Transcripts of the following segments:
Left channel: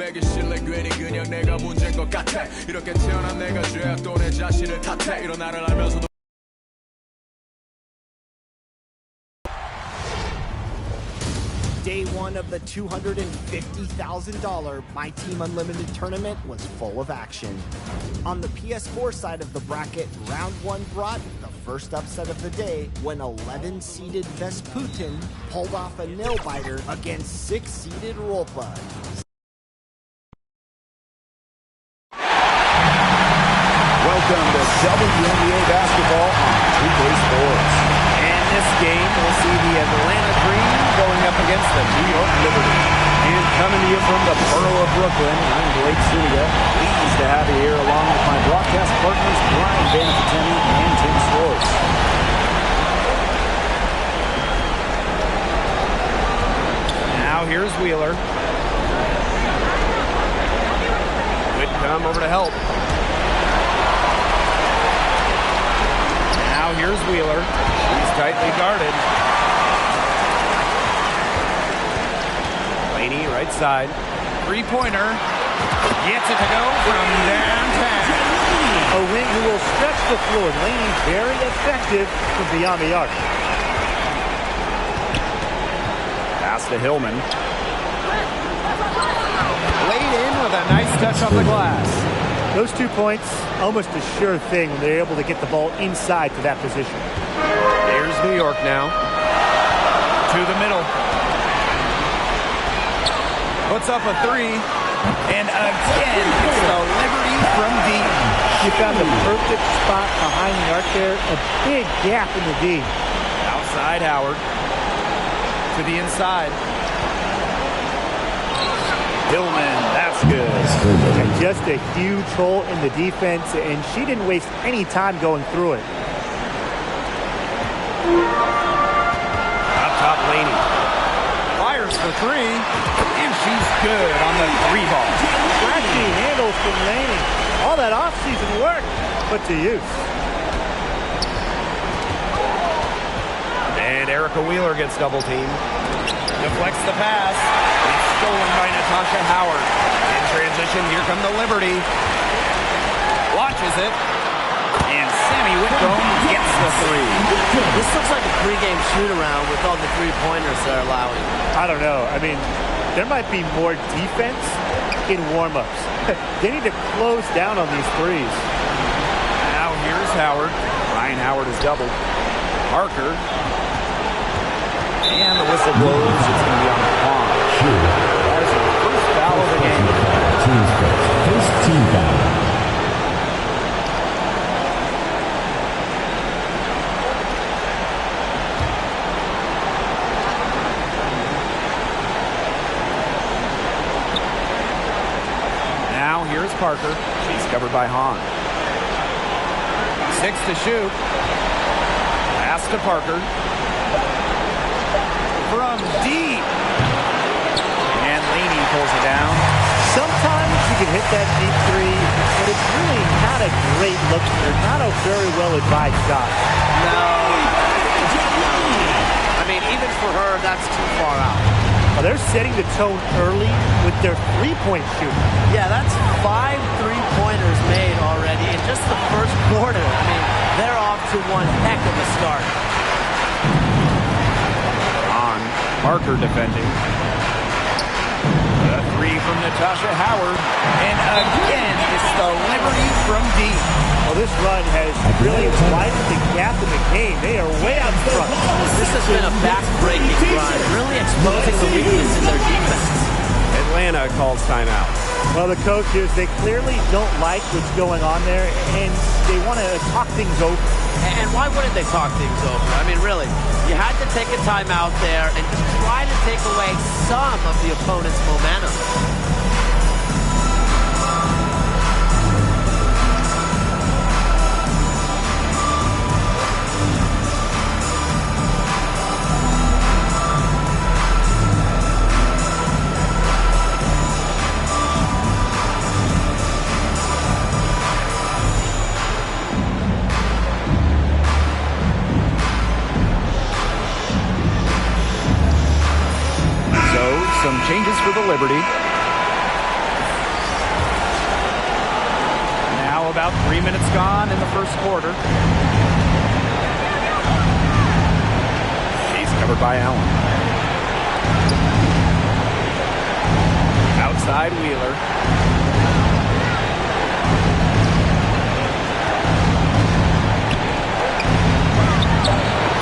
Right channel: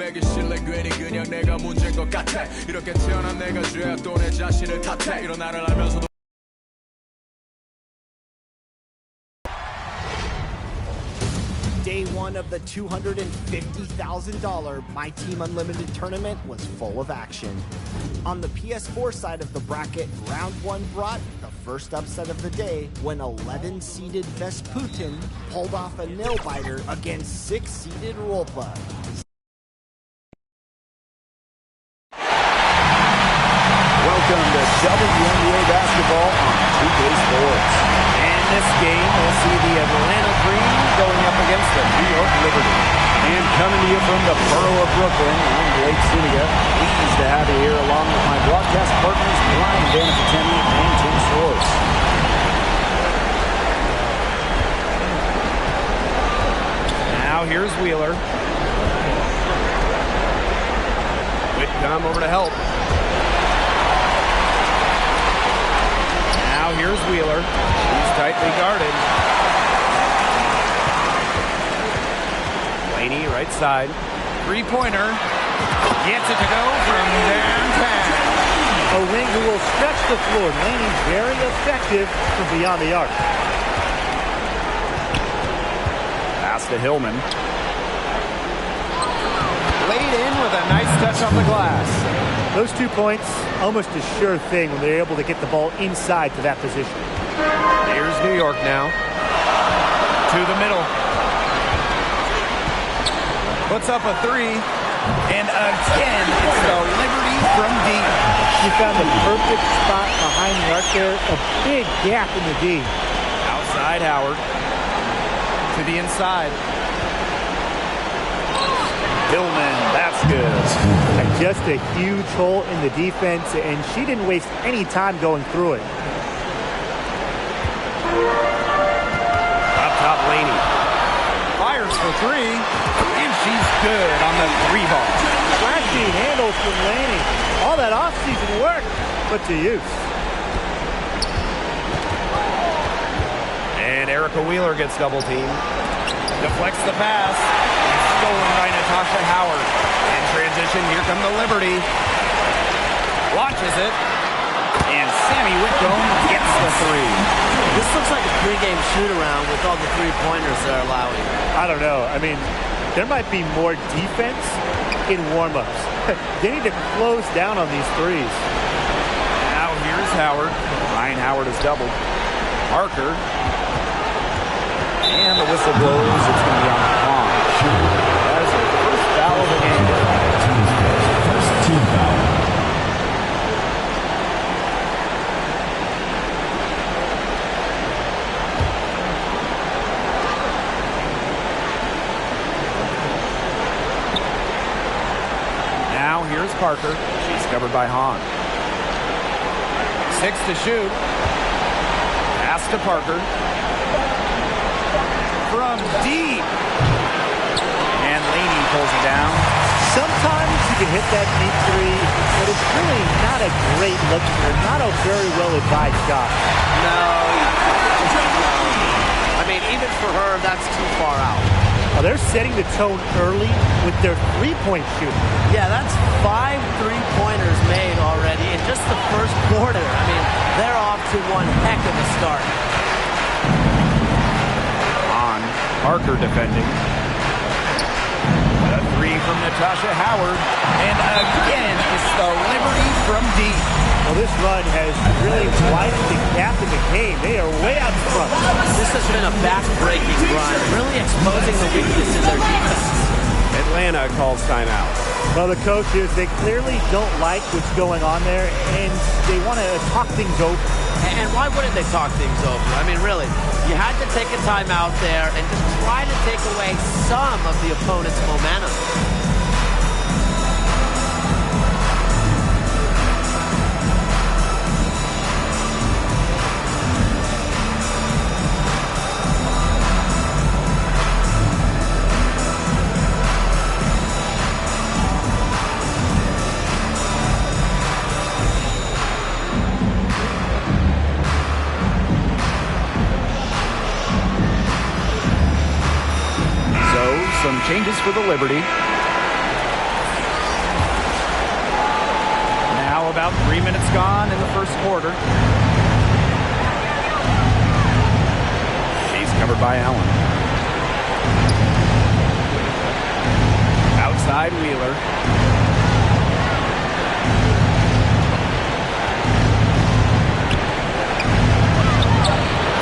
수백이 실래 괜히 그냥 내가 문제인 것 같아. 이렇게 태어난 내가 죄야 또 내 자신을 탓해. 이런 나를 알면서도 Day one of the $250,000 My Team Unlimited tournament was full of action. On the PS4 side of the bracket, round one brought the first upset of the day when 11-seeded Vesputin pulled off a nail-biter against 6-seeded Rolpa. Welcome to WNBA basketball on 2K Sports. And this game, we'll see the Atlanta Dream going up against the New York Liberty. And coming to you from the borough of Brooklyn, I'm Blake Suniga. Pleased to have you here along with my broadcast partners, Brian Banafitemi and Tim Swartz. Now here's Wheeler. Whitcomb over to help. Now here's Wheeler. She's tightly guarded. Laney, right side. Three-pointer. Gets it to go from downtown. A wing who will stretch the floor. Laney very effective from beyond the arc. Pass to Hillman. Laid in with a nice touch on the glass. Those 2 points, almost a sure thing when they're able to get the ball inside to that position. Here's New York now. To the middle. Puts up a three. And again, it's the Liberty from deep. You found the perfect spot behind the arc there. A big gap in the D. Outside Howard. To the inside. Hillman, that's good. And just a huge hole in the defense, and she didn't waste any time going through it. Up top, Laney. Fires for three, and she's good on the three ball. Flashy handles from Laney. All that offseason work, put to use. And Erica Wheeler gets double teamed. Deflects the pass. It's stolen by Natasha Howard. In transition, here come the Liberty. Launches it. And Sammy Whitcomb gets the three. This looks like a pregame shoot-around with all the three-pointers they're allowing. I don't know. I mean, there might be more defense in warm-ups. They need to close down on these threes. Now here's Howard. Ryan Howard is doubled. Parker. And the whistle blows. It's going to be on Vaughn. That is her first foul of the game. First team foul. Now here's Parker. She's covered by Hahn. 6 to shoot. Pass to Parker. From deep. And Laney pulls it down. Sometimes you can hit that deep three, but it's really not a great look for her. Not a very well-advised shot. No. I mean, even for her, that's too far out. Well, they're setting the tone early with their three-point shooting. Yeah, that's 5 three-pointers made already in just the first quarter. I mean, they're off to one heck of a start. On Parker defending. A three from Natasha Howard. And again, it's the Liberty from deep. Well, this run has really widened the gap in the game. They are way out front. This has been a back-breaking run, really exposing the weakness in their defense. Atlanta calls timeout. Well, the coaches, they clearly don't like what's going on there, and they want to talk things over. And why wouldn't they talk things over? I mean, really, you had to take a timeout there and just try to take away some of the opponent's momentum. Some changes for the Liberty. Now about 3 minutes gone in the first quarter. She's covered by Allen. Outside Wheeler.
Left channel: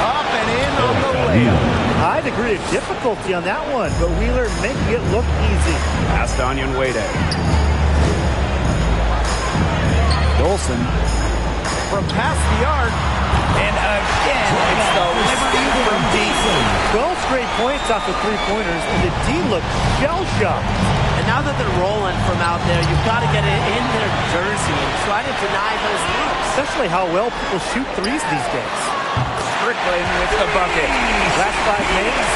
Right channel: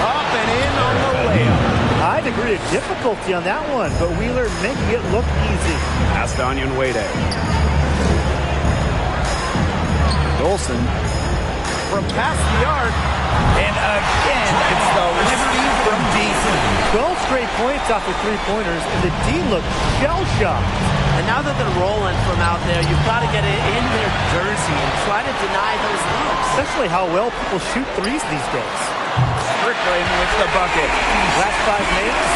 Up and in on the layup. High degree of difficulty on that one, but Wheeler making it look easy. Past Onion Wade. Dolson from past the arc. And again, it's the Liberty from deep. 12 straight points off of three-pointers, and the D looks shell-shocked. And now that they're rolling from out there, you've got to get it in their jersey and try to deny those looks. Especially how well people shoot threes these days. Strickland with the bucket. Last 5 makes,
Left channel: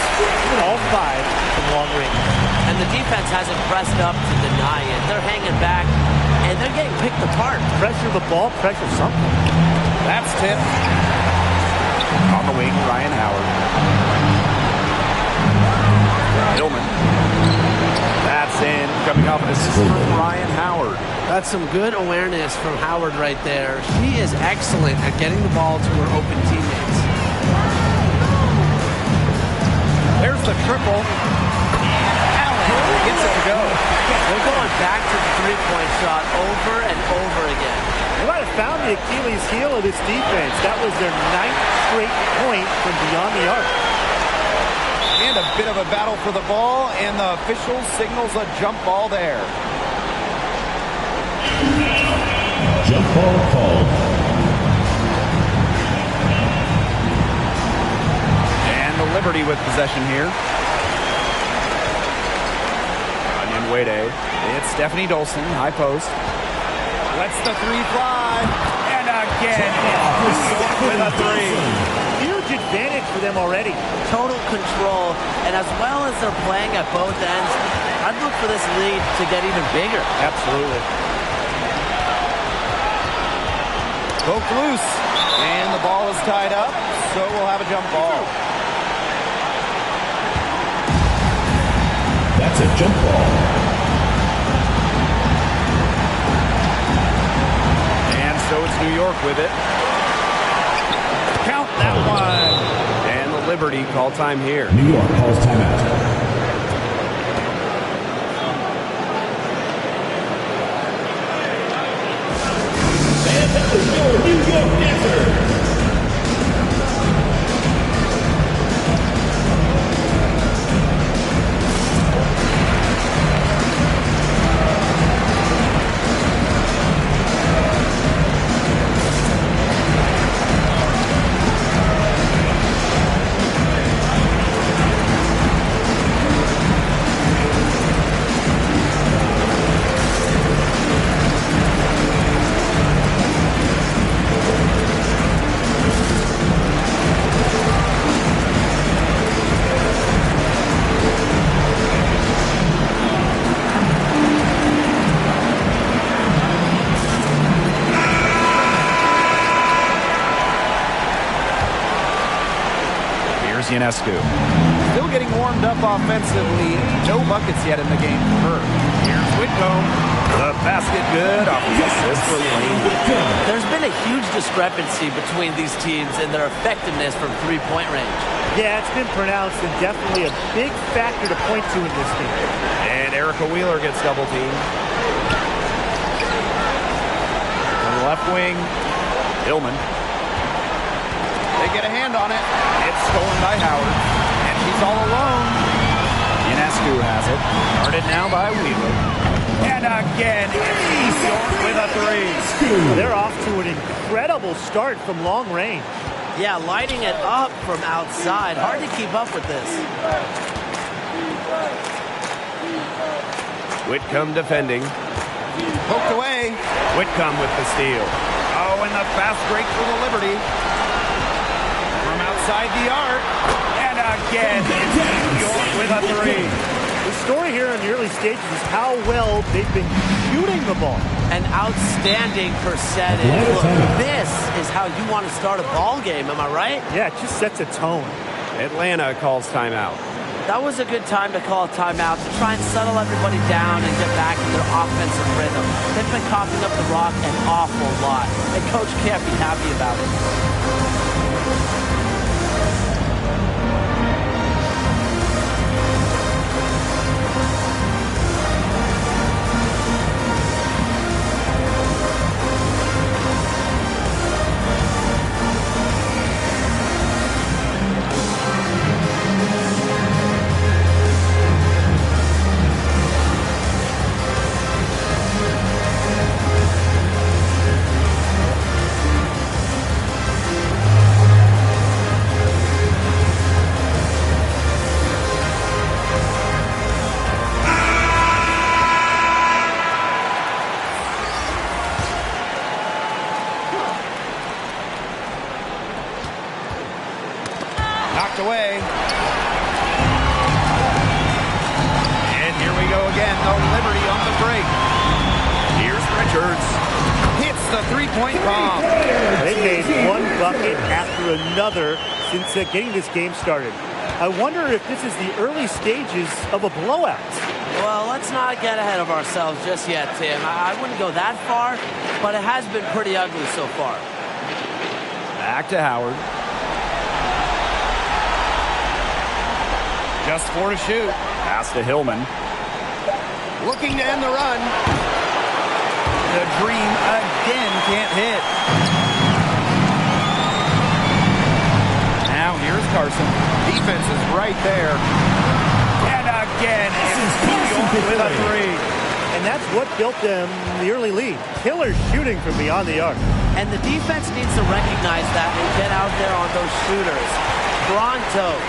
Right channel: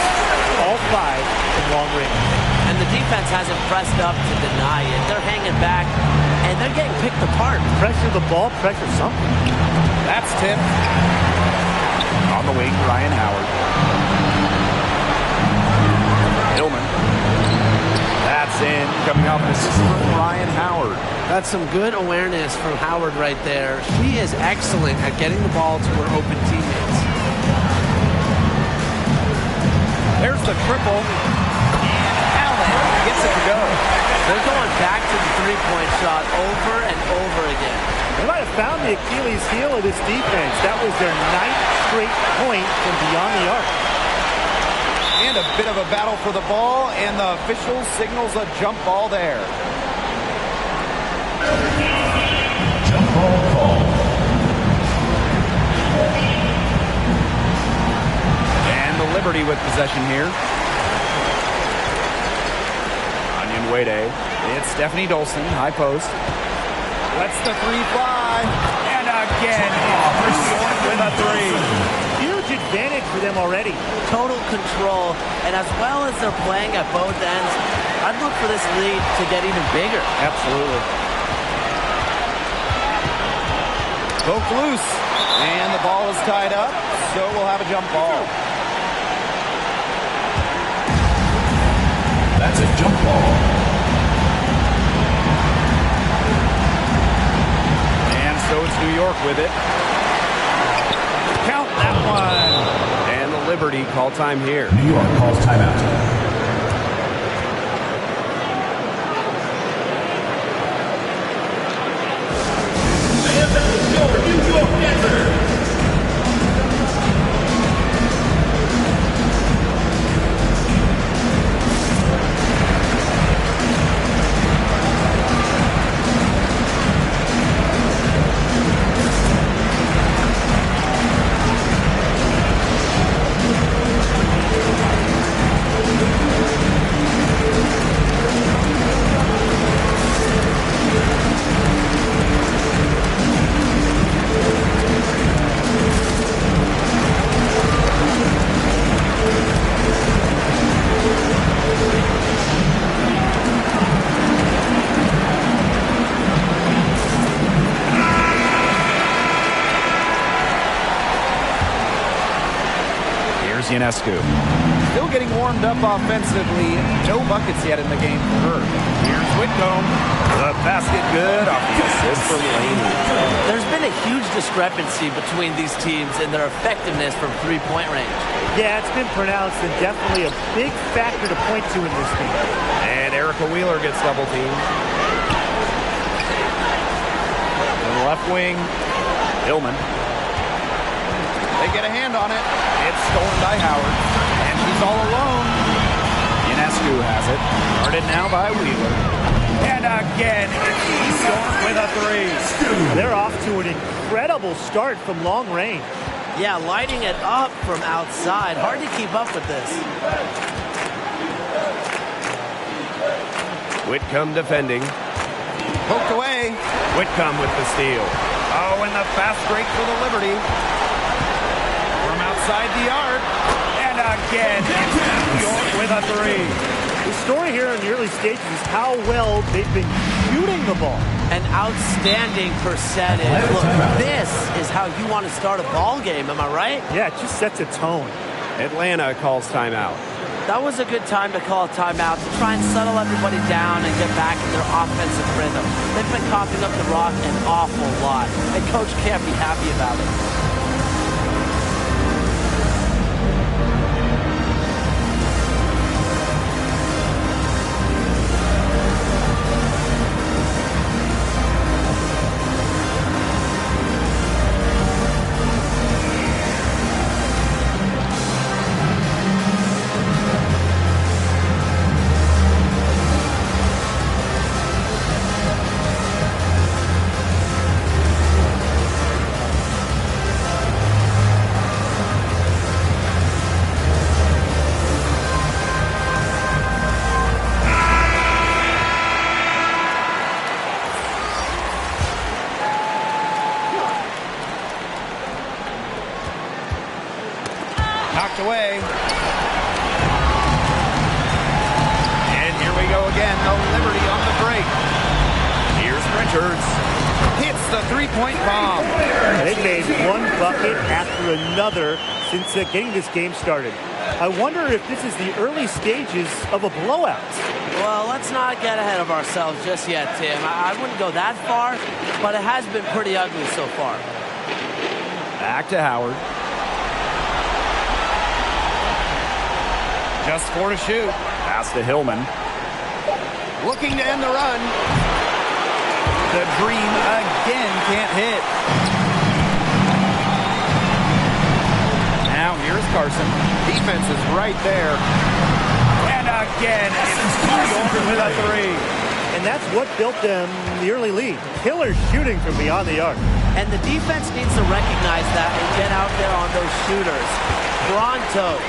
all 5 from long range. And the defense hasn't pressed up to deny it. They're hanging back, and they're getting picked apart. Pressure the ball, pressure something. That's tipped. On the wing, Ryan Howard. Hillman. That's in. Coming off an assist from Ryan Howard. That's some good awareness from Howard right there. She is excellent at getting the ball to her open teammates. There's the triple. And Allen gets it to go. They're going back to the three-point shot over and over again. They might have found the Achilles heel of this defense. That was their 9th straight point from beyond the arc. And a bit of a battle for the ball, and the official signals a jump ball there. Jump ball called. And the Liberty with possession here. Onion Wade. It's Stephanie Dolson, high post. Lets the three fly. And again, it's New York with a three. Huge advantage for them already. Total control, and as well as they're playing at both ends, I'd look for this lead to get even bigger. Absolutely. Poked loose. And the ball is tied up, so we'll have a jump ball. That's a jump ball. And so it's New York with it. Count that one. And the Liberty call time here. New York calls timeout. And that was your New York answer. Ionescu. Still getting warmed up offensively. No buckets yet in the game for her. Here's Whitcomb. The basket good off the assist for Laney. There's been a huge discrepancy between these teams in their effectiveness from three-point range. Yeah, it's been pronounced and definitely a big factor to point to in this game. And Erica Wheeler gets double teamed. On the left wing, Hillman. They get a hand on it. It's stolen by Howard. And she's all alone. Ionescu has it. Guarded now by Wheeler. And again, it's New York with a three. They're off to an incredible start from long range. Yeah, lighting it up from outside. Hard to keep up with this. Whitcomb defending. Poked away. Whitcomb with the steal. Oh, and the fast break for the Liberty. From outside the arc. And again, it's New York with a three. The story here in the early stages is how well they've been shooting the ball. An outstanding percentage. Look, this is how you want to start a ball game, am I right? Yeah, it just sets a tone. Atlanta calls timeout. That was a good time to call a timeout to try and settle everybody down and get back in their offensive rhythm. They've been coughing up the rock an awful lot, and Coach can't be happy about it. Knocked away. And here we go again. The Liberty on the break. Here's Richards. Hits the three-point bomb. They've made one bucket after another since getting this game started. I wonder if this is the early stages of a blowout. Well, let's not get ahead of ourselves just yet, Tim. I wouldn't go that far, but it has been pretty ugly so far. Back to Howard. Just 4 to shoot. Pass to Hillman. Looking to end the run. The dream again can't hit. Now here's Carson. Defense is right there. And again, it's New York with a three. And that's what built them the early lead. Killer shooting from beyond the arc. And the defense needs to recognize that and get out there on those shooters. Pronto.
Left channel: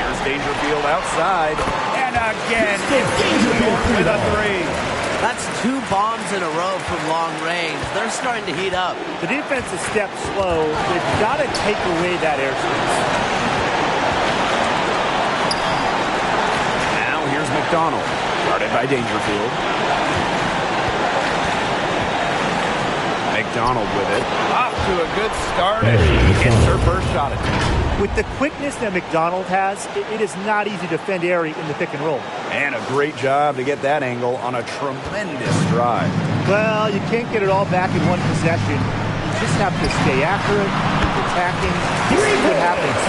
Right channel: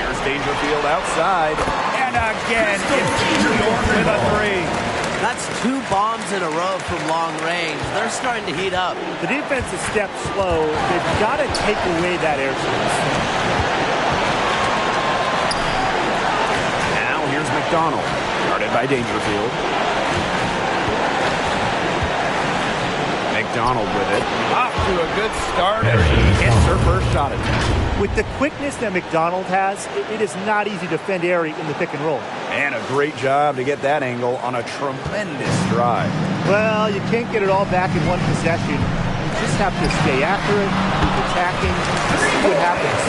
Here's Dangerfield outside. And again, it's New York with a three. That's 2 bombs in a row from long range. They're starting to heat up. The defense is stepped slow. They've got to take away that airspace. Now here's McDonald. Guarded by Dangerfield. McDonald with it. Off to a good start as she hits her first shot attempt. With the quickness that McDonald has, it is not easy to defend Airy in the pick and roll. And a great job to get that angle on a tremendous drive. Well, you can't get it all back in one possession. You just have to stay after it, keep attacking, see what happens.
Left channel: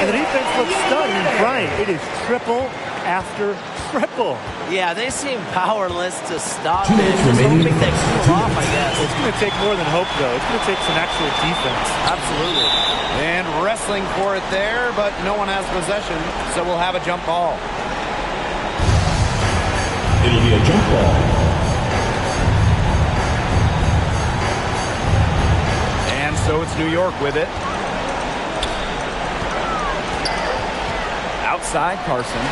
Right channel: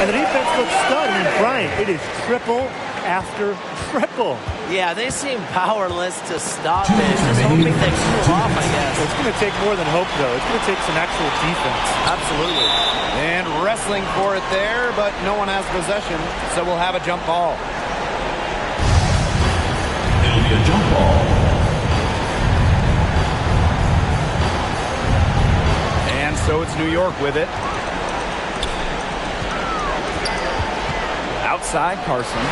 And the defense looks stunned. I mean, Brian, it is triple after triple. Yeah, they seem powerless to stop it. Just hoping they cool off, I guess. It's going to take more than hope, though. It's going to take some actual defense. Absolutely. And wrestling for it there, but no one has possession, so we'll have a jump ball. It'll be a jump ball. And so it's New York with it. Outside Carson.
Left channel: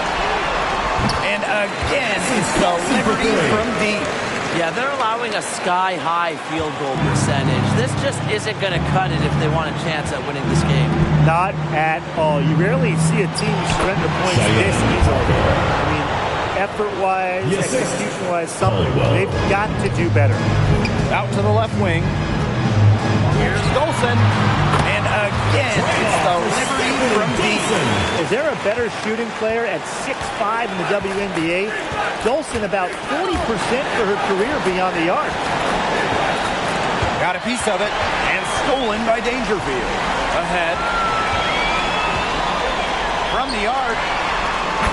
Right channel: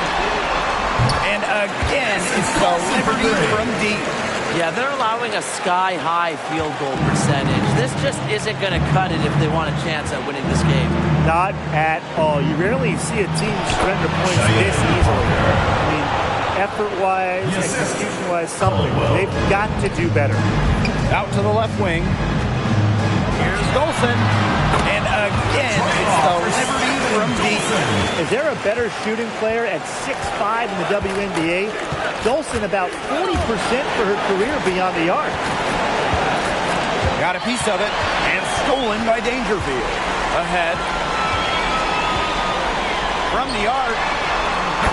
And again, it's the Liberty from deep. Yeah, they're allowing a sky-high field goal percentage. This just isn't going to cut it if they want a chance at winning this game. Not at all. You rarely see a team surrender points this easily. I mean, effort-wise, execution-wise, something. They've got to do better. Out to the left wing. Here's Golson. And again, it's the Liberty from deep. Is there a better shooting player at 6'5" in the WNBA? Golson about 40% for her career beyond the arc. Got a piece of it, and stolen by Dangerfield. Ahead. From the arc.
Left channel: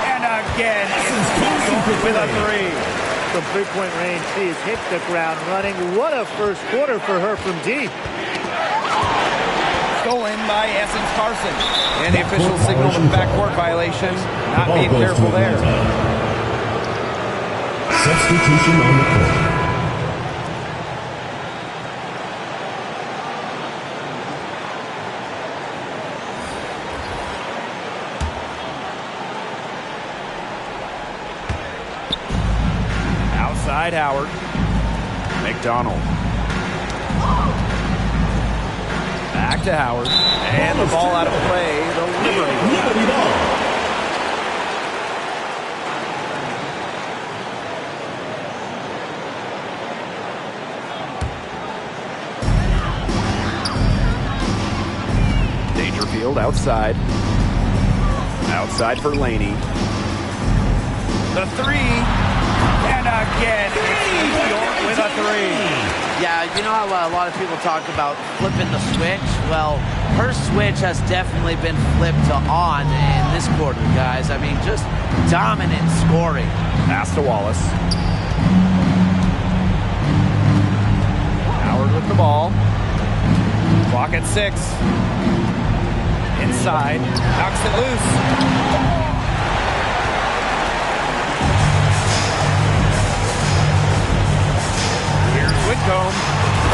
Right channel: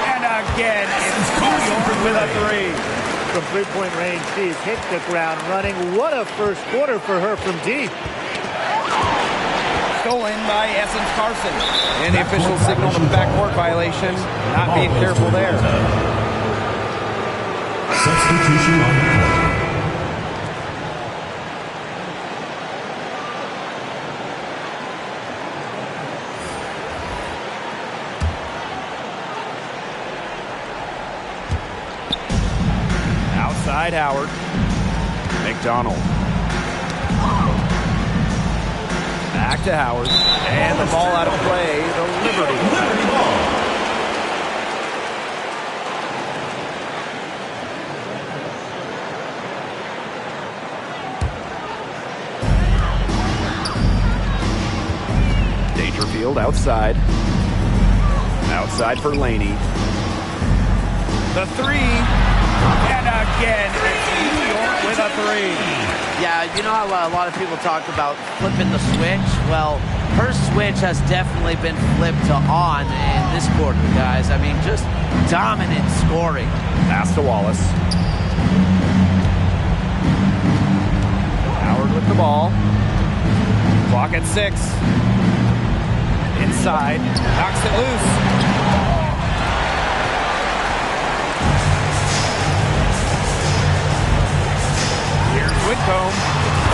And again, it's New York with a three. From three-point range, she's hit the ground running. What a first quarter for her from deep. Stolen by Essence Carson. And the official signaled a backcourt violation. Not being careful there. Substitution on the court. Outside Howard. McDonald. Back to Howard. And the ball out of play. The Liberty ball. Dangerfield outside. Outside for Laney. The three. And again, it's New York with a three. Yeah, you know how a lot of people talk about flipping the switch? Well, her switch has definitely been flipped to on in this quarter, guys. I mean, just dominant scoring. Pass to Wallace. Howard with the ball. Clock at 6. Inside. Knocks it loose. Whitcomb,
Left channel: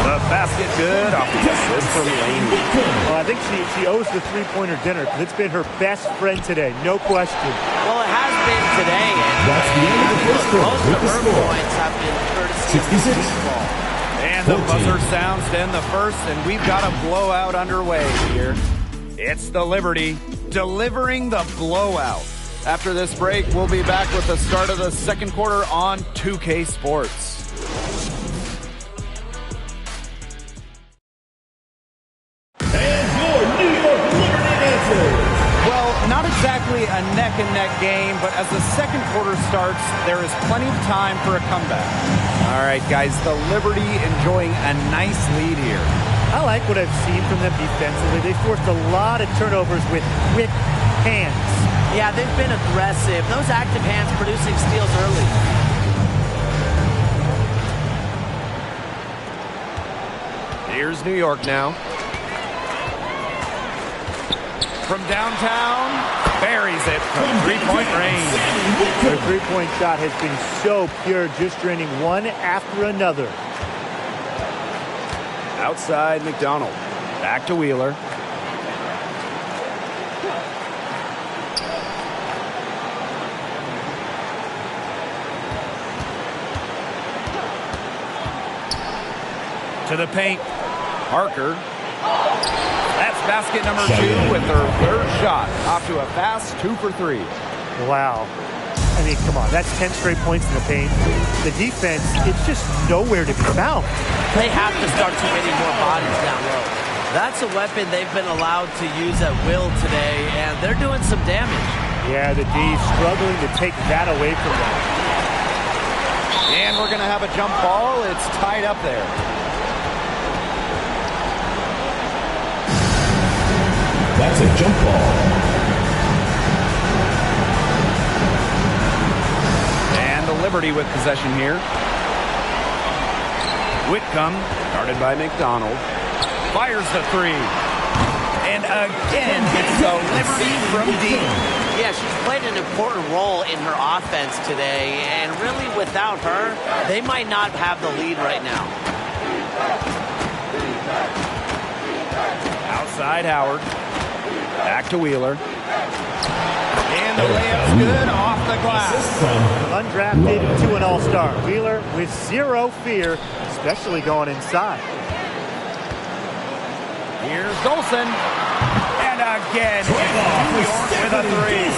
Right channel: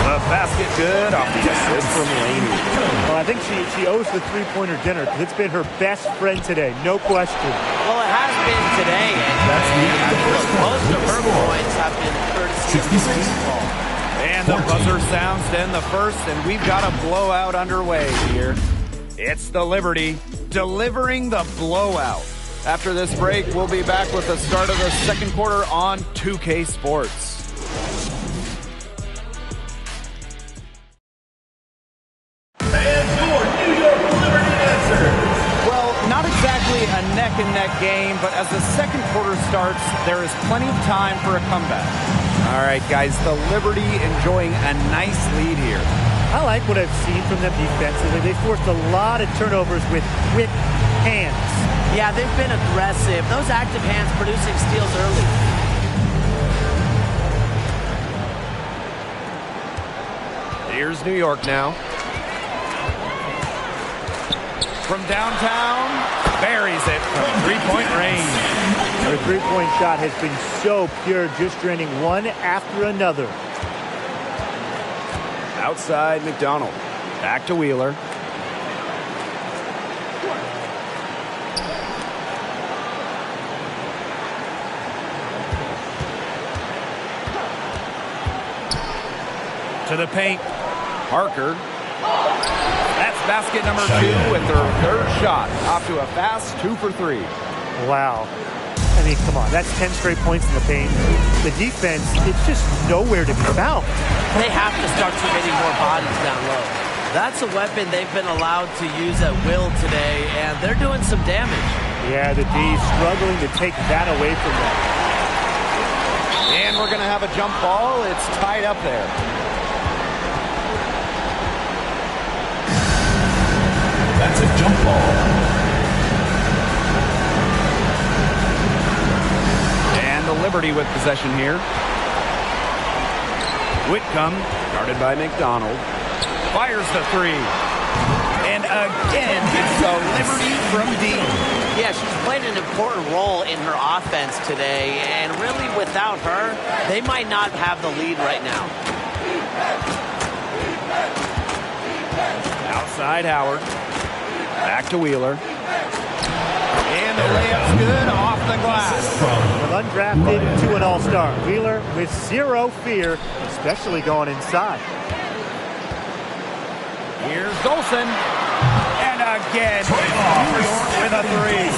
the basket good off the assist from Laney. Well, I think she owes the three-pointer dinner because it's been her best friend today, no question. Well, it has been today, and most of her points have been courtesy of the deep ball. And the buzzer sounds to end the first, and we've got a blowout underway here. It's the Liberty delivering the blowout. After this break, we'll be back with the start of the second quarter on 2K Sports. Not exactly a neck-and-neck game, but as the second quarter starts, there is plenty of time for a comeback. All right, guys, the Liberty enjoying a nice lead here. I like what I've seen from them defensively. They forced a lot of turnovers with quick hands. Yeah, they've been aggressive. Those active hands producing steals early. Here's New York now. From downtown, buries it from three-point range. Their three-point shot has been so pure, just draining one after another. Outside McDonald. Back to Wheeler. To the paint. Parker. That's basket number 2 with her third shot. Off to a fast 2 for 3. Wow. I mean, come on. That's 10 straight points in the paint. The defense, it's just nowhere to be found. They have to start committing more bodies down low. That's a weapon they've been allowed to use at will today, and they're doing some damage. Yeah, the D struggling to take that away from them. And we're going to have a jump ball. It's tied up there. That's a jump ball. And the Liberty with possession here. Whitcomb, guarded by McDonald, fires the three. And again, it's the Liberty from deep. Yeah, she's played an important role in her offense today, and really without her, they might not have the lead right now. Outside Howard. Back to Wheeler. And the layup's good off the glass. From undrafted to an all-star. Wheeler with zero fear, especially going inside. Here's Dolson. And again, it's New York with a three.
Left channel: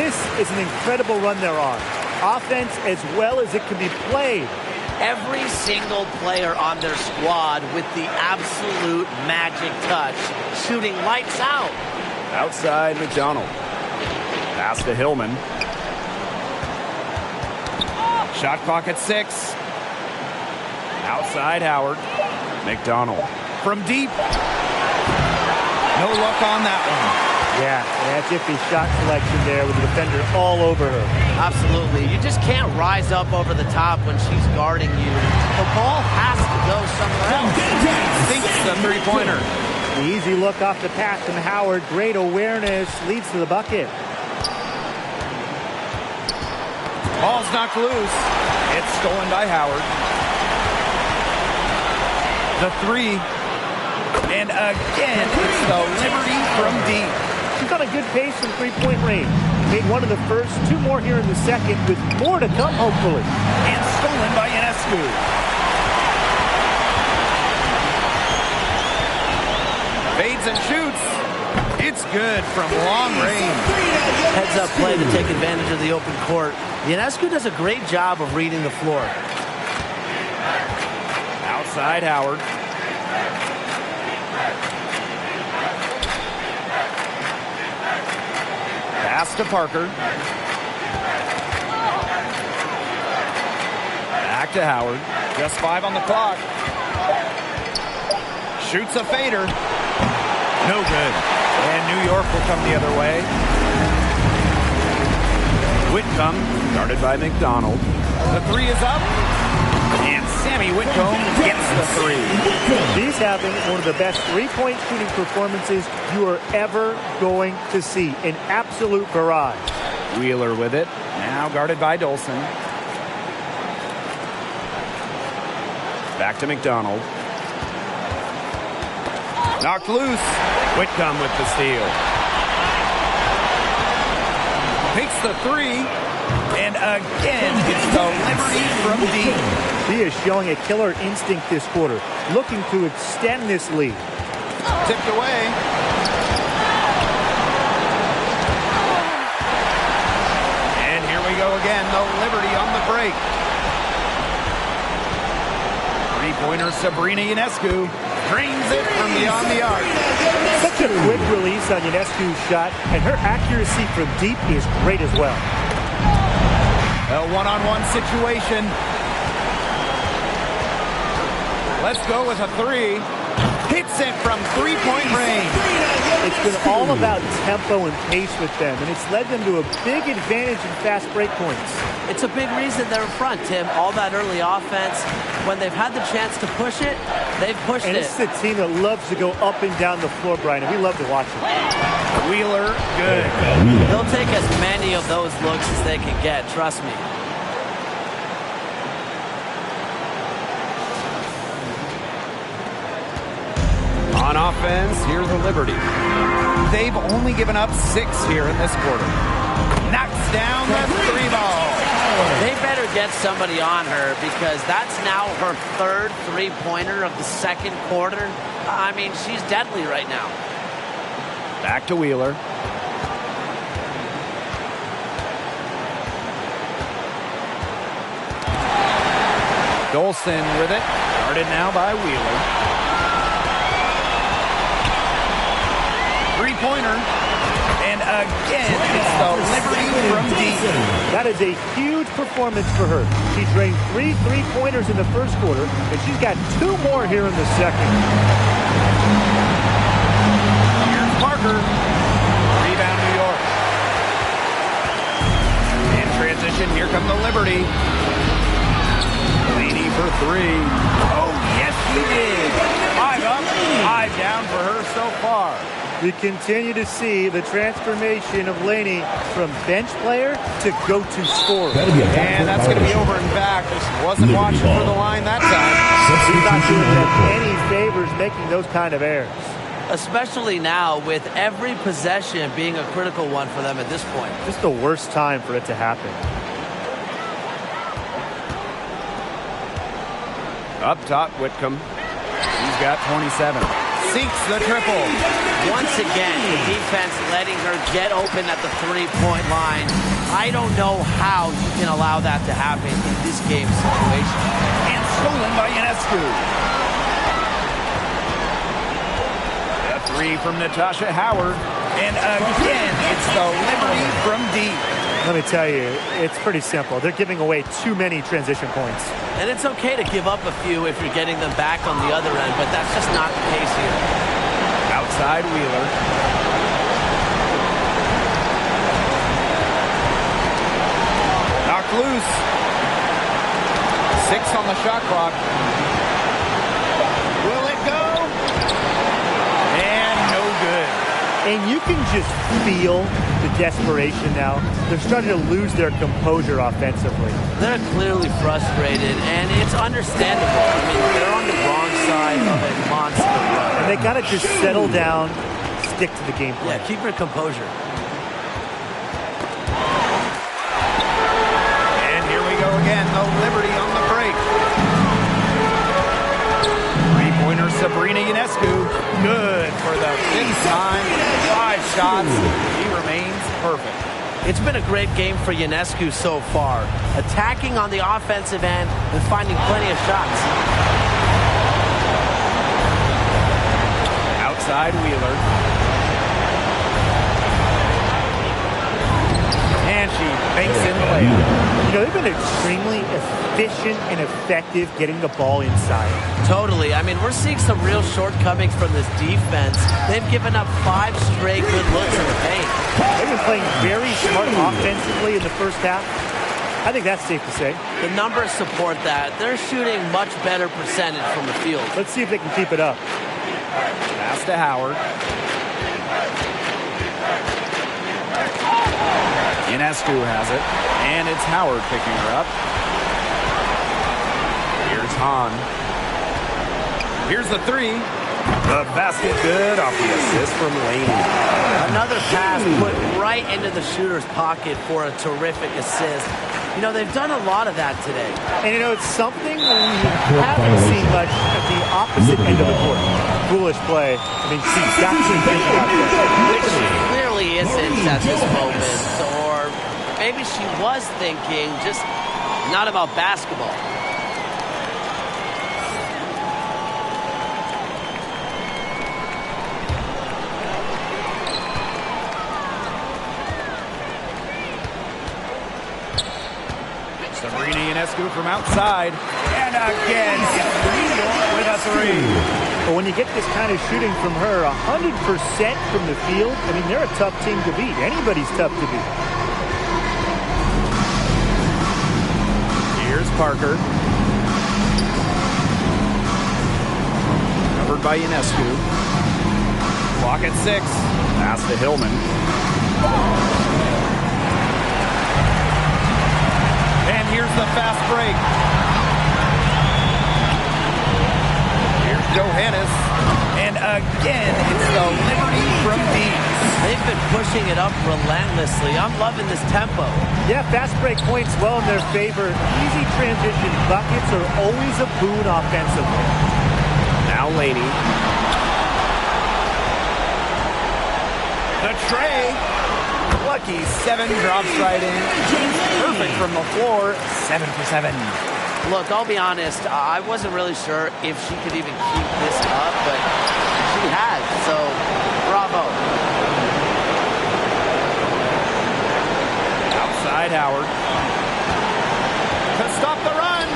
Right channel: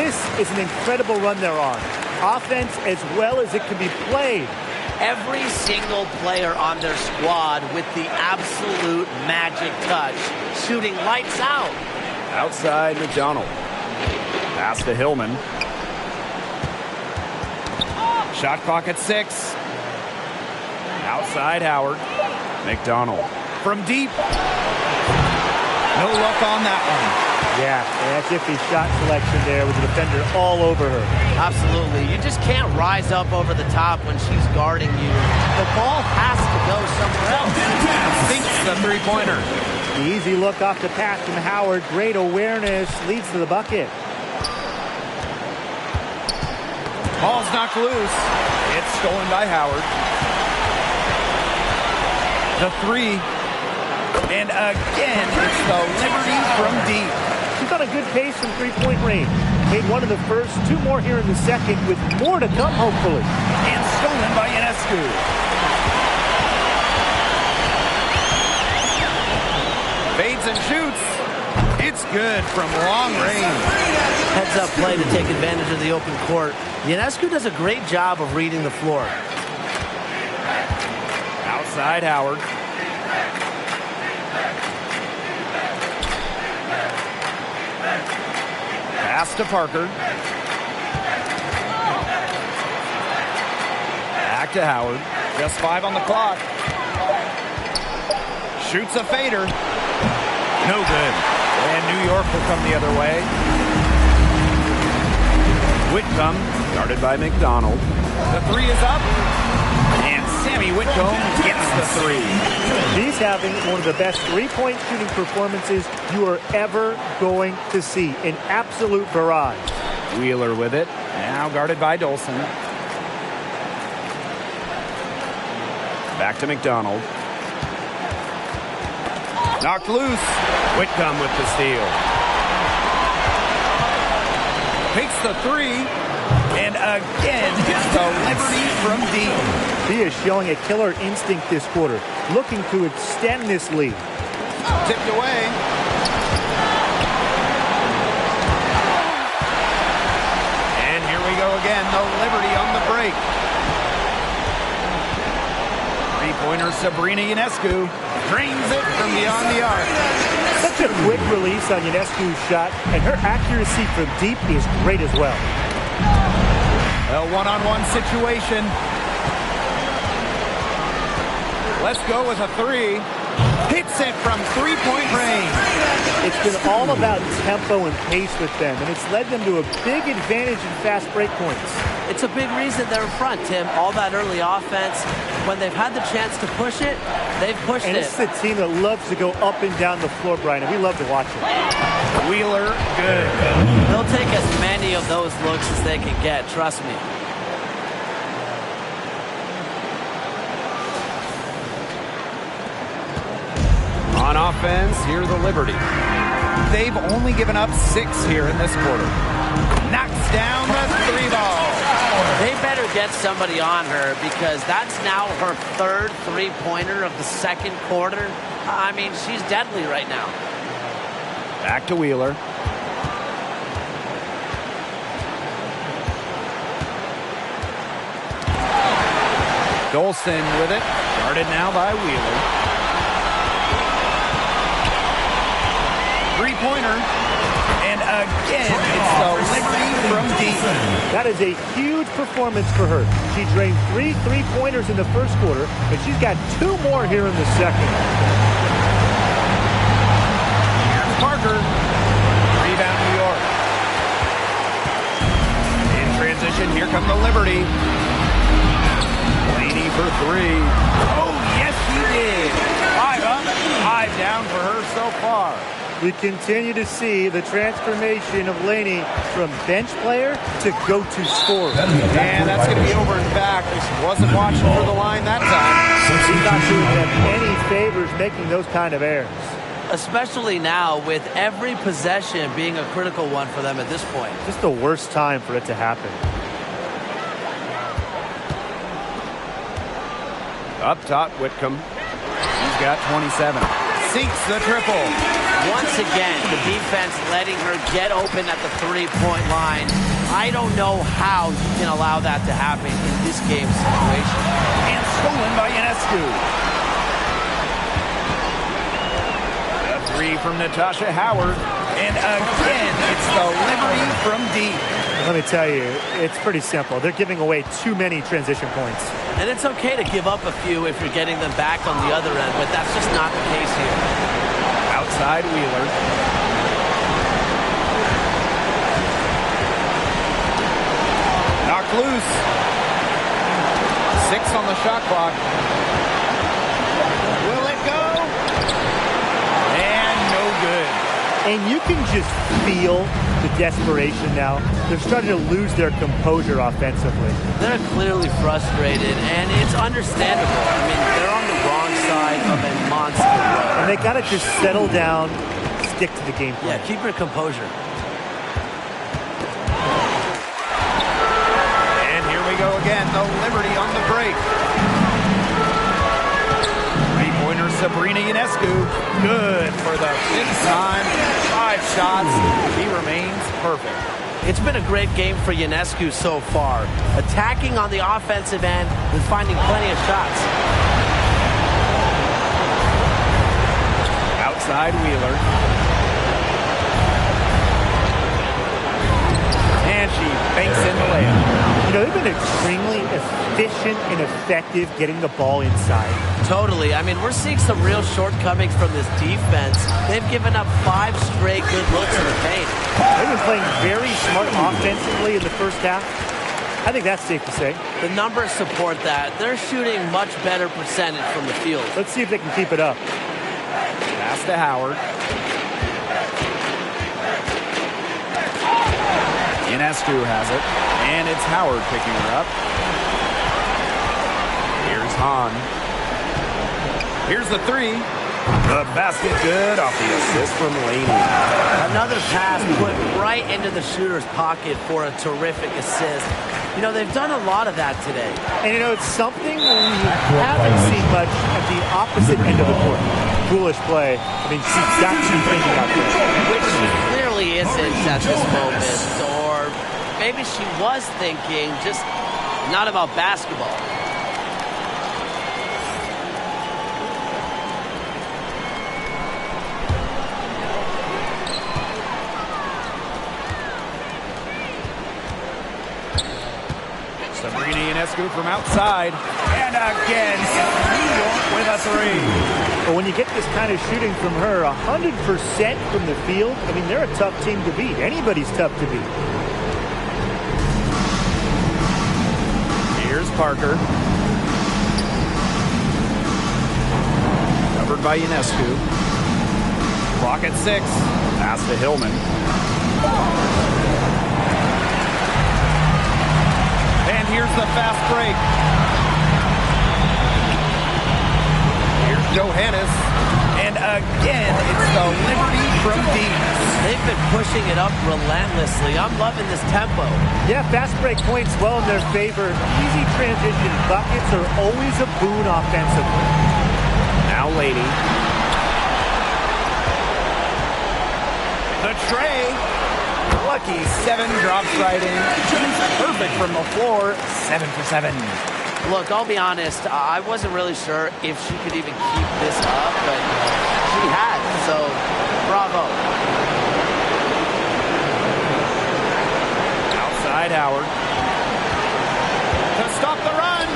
This is an incredible run they're on. Offense as well as it can be played. Every single player on their squad with the absolute magic touch, shooting lights out. Outside McDonald. Pass to Hillman. Shot clock at 6. Outside Howard. McDonald. From deep. No luck on that one. Yeah, that's iffy shot selection there with the defender all over her. Absolutely. You just can't rise up over the top when she's guarding you. The ball has to go somewhere else. Sinks the three-pointer. The easy look off the pass from Howard. Great awareness. Leads to the bucket. Ball's knocked loose. It's stolen by Howard. The three. And again, it's the Liberty from deep. She's on a good pace from three-point range. Made one of the first, 2 more here in the second, with more to come, hopefully. And stolen by Ionescu. Fades and shoots. It's good from long range. Heads-up play to take advantage of the open court. Ionescu does a great job of reading the floor. Outside Howard. Pass to Parker. Back to Howard. Just 5 on the clock. Shoots a fader. No good. And New York will come the other way. Whitcomb, guarded by McDonald. The 3 is up. And Sammy Whitcomb gets the 3. She's having one of the best three-point shooting performances you are ever going to see. An absolute barrage. Wheeler with it. Now guarded by Dolson. Back to McDonald. Knocked loose. Whitcomb with the steal. Takes the 3. And again, it's the Liberty from deep. She is showing a killer instinct this quarter, looking to extend this lead. Tipped away. And here we go again, the Liberty on the break. Three-pointer Sabrina Ionescu drains it from beyond the arc. Such a quick release on Ionescu's shot, and her accuracy from deep is great as well. A one-on-one situation. Let's go with a 3. Hits it from three-point range. It's been all about tempo and pace with them, and it's led them to a big advantage in fast break points. It's a big reason they're in front, Tim. All that early offense. When they've had the chance to push it, they've pushed and it. And this is a team that loves to go up and down the floor, Brian, and we love to watch it. Wheeler, good. They'll take as many of those looks as they can get, trust me. On offense, here the Liberty. They've only given up 6 here in this quarter. Knocks down the 3 ball. They better get somebody on her because that's now her 3rd three-pointer of the 2nd quarter. I mean, she's deadly right now. Back to Wheeler. Dolson with it. Guarded now by Wheeler. Three-pointer. And again, it's the Liberty from deep. That is a huge performance for her. She drained 3 three-pointers in the 1st quarter, and she's got 2 more here in the 2nd. Here's Parker. Rebound, New York. In transition, here come the Liberty. Blaney for 3. Oh, yes, she did. 5 up, 5 down for her so far. We continue to see the transformation of Laney from bench player to go-to scorer. And that's going to be over and back. Wasn't watching for the line that time. He's not doing them any favors making those kind of errors. Especially now with every possession being a critical one for them at this point. Just the worst time for it to happen. Up top, Whitcomb. He's got 27. Sinks the triple. Once again, the defense letting her get open at the three-point line. I don't know how you can allow that to happen in this game situation. And stolen by Ionescu. The 3 from Natasha Howard. And again, it's the Liberty from deep. Let me tell you, it's pretty simple. They're giving away too many transition points. And it's okay to give up a few if you're getting them back on the other end, but that's just not the case here. Outside Wheeler. Knocked loose. 6 on the shot clock. Will it go? And no good. And you can just feel the desperation now. They're starting to lose their composure offensively. They're clearly frustrated, and it's understandable. I mean, they're on the wrong side of a monster run. And they got to just settle down, stick to the game plan. Yeah, keep your composure. And here we go again, the Liberty on the break. Three-pointer Sabrina Ionescu, good for the 5th time. 5 shots, she remains perfect. It's been a great game for Ionescu so far, attacking on the offensive end and finding plenty of shots. Outside Wheeler. And she banks in the layup. You know, they've been extremely efficient and effective getting the ball inside. Totally. I mean, we're seeing some real shortcomings from this defense. They've given up 5 straight good looks in the paint. They've been playing very smart offensively in the first half. I think that's safe to say. The numbers support that. They're shooting much better percentage from the field. Let's see if they can keep it up. Pass to Howard. Ionescu has it, and it's Howard picking her up. Here's Hahn. Here's the 3. The basket good off the assist from Laney. Another pass put right into the shooter's pocket for a terrific assist. You know, they've done a lot of that today. And, you know, it's something we haven't seen much at the opposite end of the court. Foolish play. I mean, she's got to be thinking out there. Which she clearly isn't at this moment. Or maybe she was thinking, just not about basketball. Sabrina Ionescu from outside. And again, it's New York with a 3. But when you get this kind of shooting from her, 100% from the field, I mean, they're a tough team to beat. Anybody's tough to beat. Here's Parker. Covered by Ionescu. Clock at 6. Pass to Hillman. And here's the fast break. Here's Johannes. And again, it's the Liberty from deep. They've been pushing it up relentlessly. I'm loving this tempo. Yeah, fast break points well in their favor. Easy transition buckets are always a boon offensively. Now Laney. The tray. Lucky 7 drops right in. She's perfect from the floor. 7 for 7. Look, I'll be honest. I wasn't really sure if she could even keep this up, but she has. So, bravo. Outside Howard. To stop the run.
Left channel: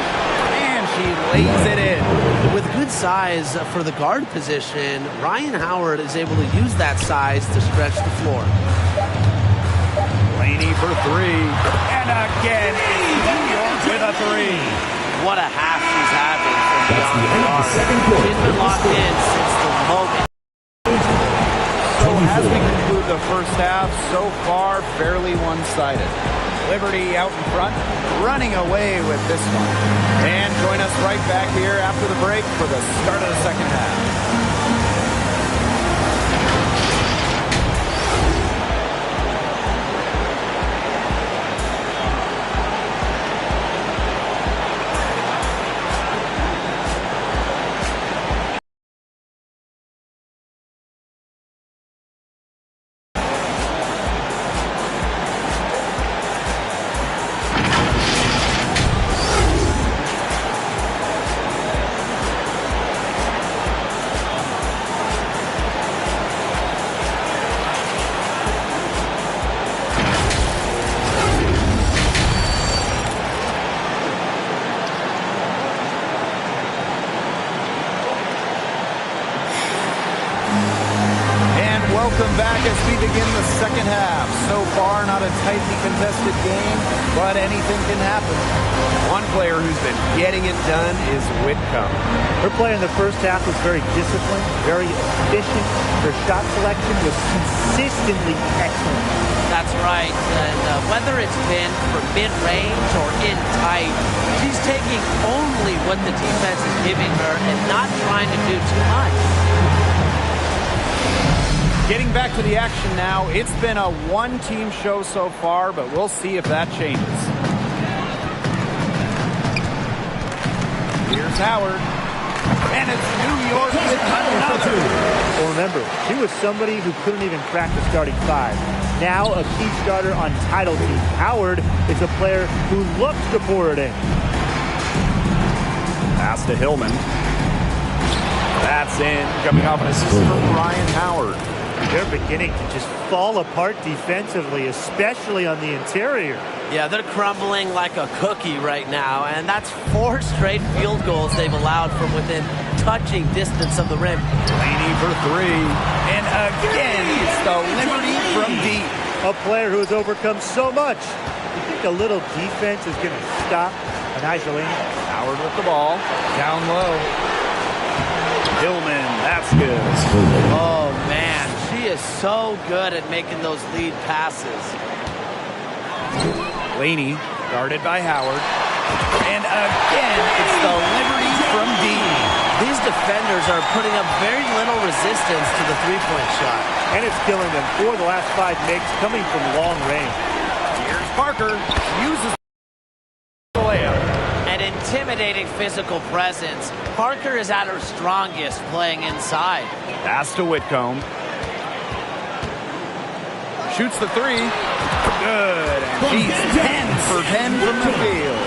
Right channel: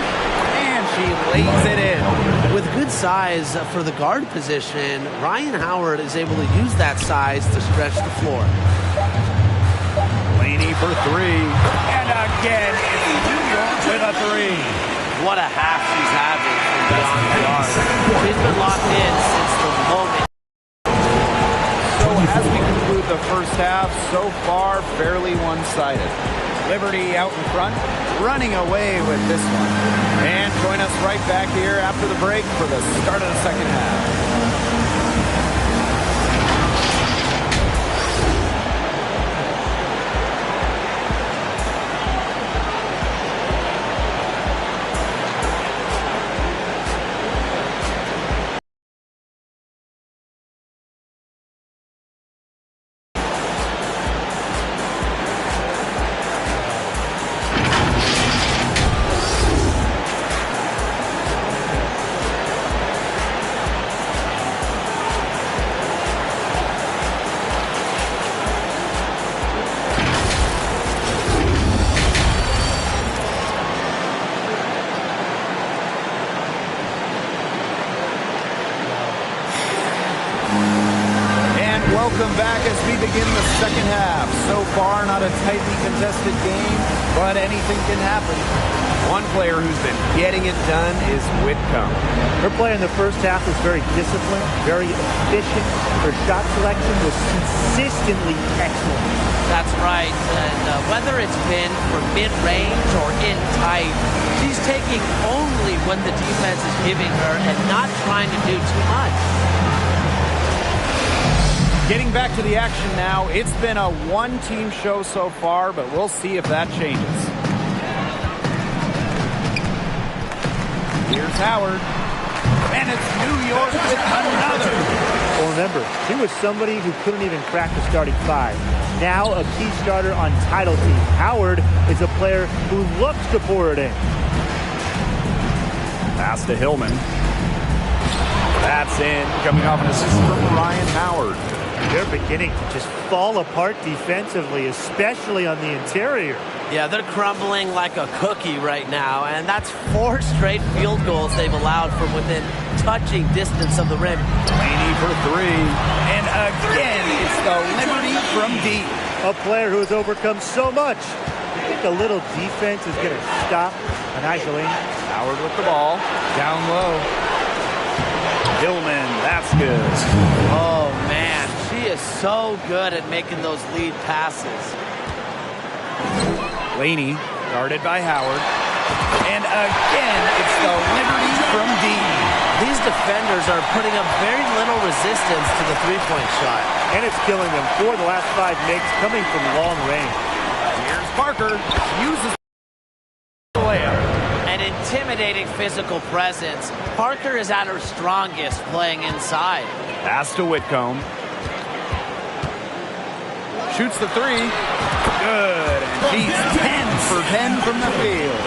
And she lays it in. With good size for the guard position, Ryan Howard is able to use that size to stretch the floor. Laney for 3. And again, it's New York with a 3. What a half she's having from beyond the arc. She's been locked in since the moment. So as we conclude the first half, so far fairly one-sided. Liberty out in front, running away with this one. And join us right back here after the break for the start of the second half. Welcome back as we begin the second half. So far, not a tightly contested game, but anything can happen. One player who's been getting it done is Whitcomb. Her play in the first half was very disciplined, very efficient. Her shot selection was consistently excellent. That's right. And whether it's been from mid-range or in tight, she's taking only what the defense is giving her and not trying to do too much. Getting back to the action now. It's been a one-team show so far, but we'll see if that changes. Here's Howard. And it's New York with another. Well, remember, she was somebody who couldn't even crack the starting 5. Now a key starter on title team. Howard is a player who looks to pour it in. Pass to Hillman. That's in, coming off an assist from Ryan Howard. They're beginning to just fall apart defensively, especially on the interior. Yeah, they're crumbling like a cookie right now, and that's 4 straight field goals they've allowed from within touching distance of the rim. Laney for 3. And again, it's the Liberty from deep. A player who has overcome so much. You think a little defense is going to stop Anaja Laney? Howard with the ball. Down low. Hillman, that's good. Oh, man. She is so good at making those lead passes. Laney, guarded by Howard. And again, it's the Liberty from deep. These defenders are putting up very little resistance to the three-point shot. And it's killing them. 4 of the last 5 makes coming from long range. Here's Parker. Uses the layup. An intimidating physical presence. Parker is at her strongest playing inside. Pass to Whitcomb. Shoots the 3. Good. And she's 10 for 10 from the field.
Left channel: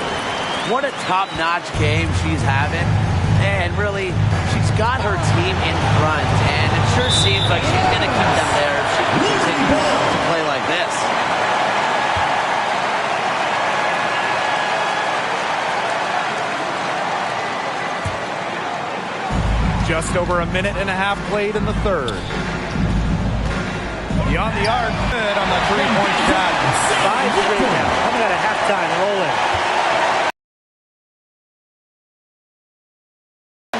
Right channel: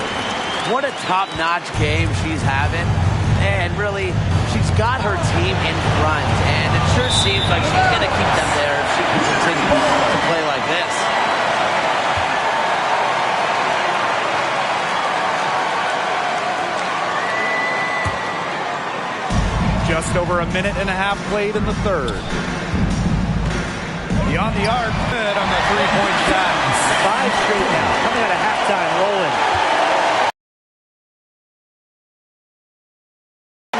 What a top-notch game she's having. And really, she's got her team in front. And it sure seems like she's going to keep them there if she can continue to play like this. Just over a minute and a half played in the third. Beyond the arc, good on the three-point shot. 5 straight now, coming out of halftime, rolling.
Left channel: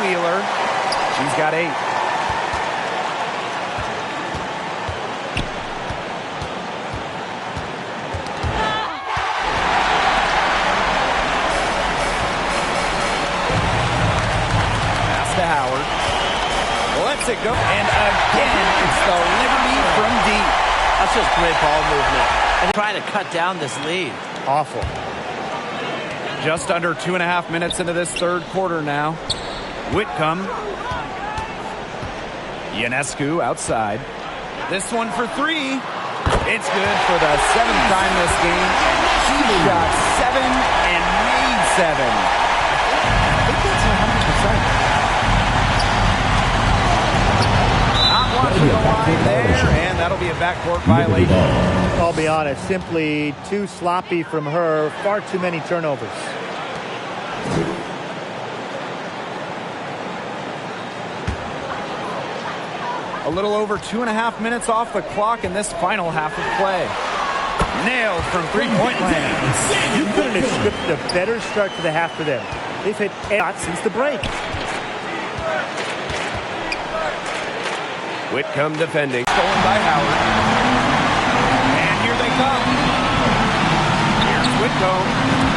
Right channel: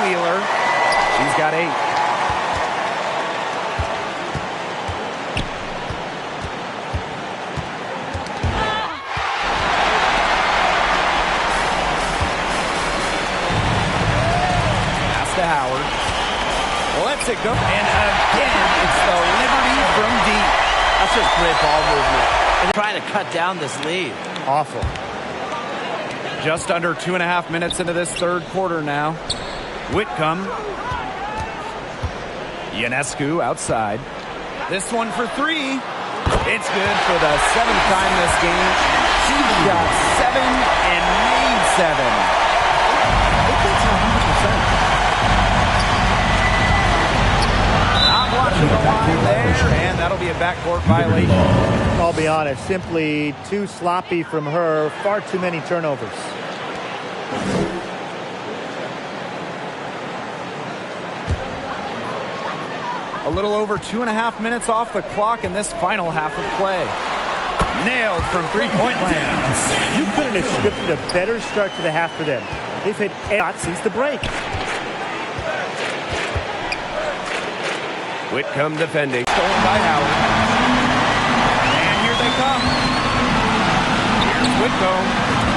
Wheeler, she's got 8. Pass to Howard. Lets it go. And again, it's the Liberty from deep. That's just great ball movement. And trying to cut down this lead. Awful. Just under 2.5 minutes into this third quarter now. Whitcomb. Ionescu outside. This one for 3. It's good for the 7th time this game. And she shot 7 and made 7. I think that's 100%. Not watching the line there, and that'll be a backcourt violation. I'll be honest, simply too sloppy from her. Far too many turnovers. A little over 2.5 minutes off the clock in this final half of play. Nailed from three-point land. You couldn't have scripted a better start to the half for them. They've hit shots since the break. Whitcomb defending. Stolen by Howard. And here they come. Here's Whitcomb.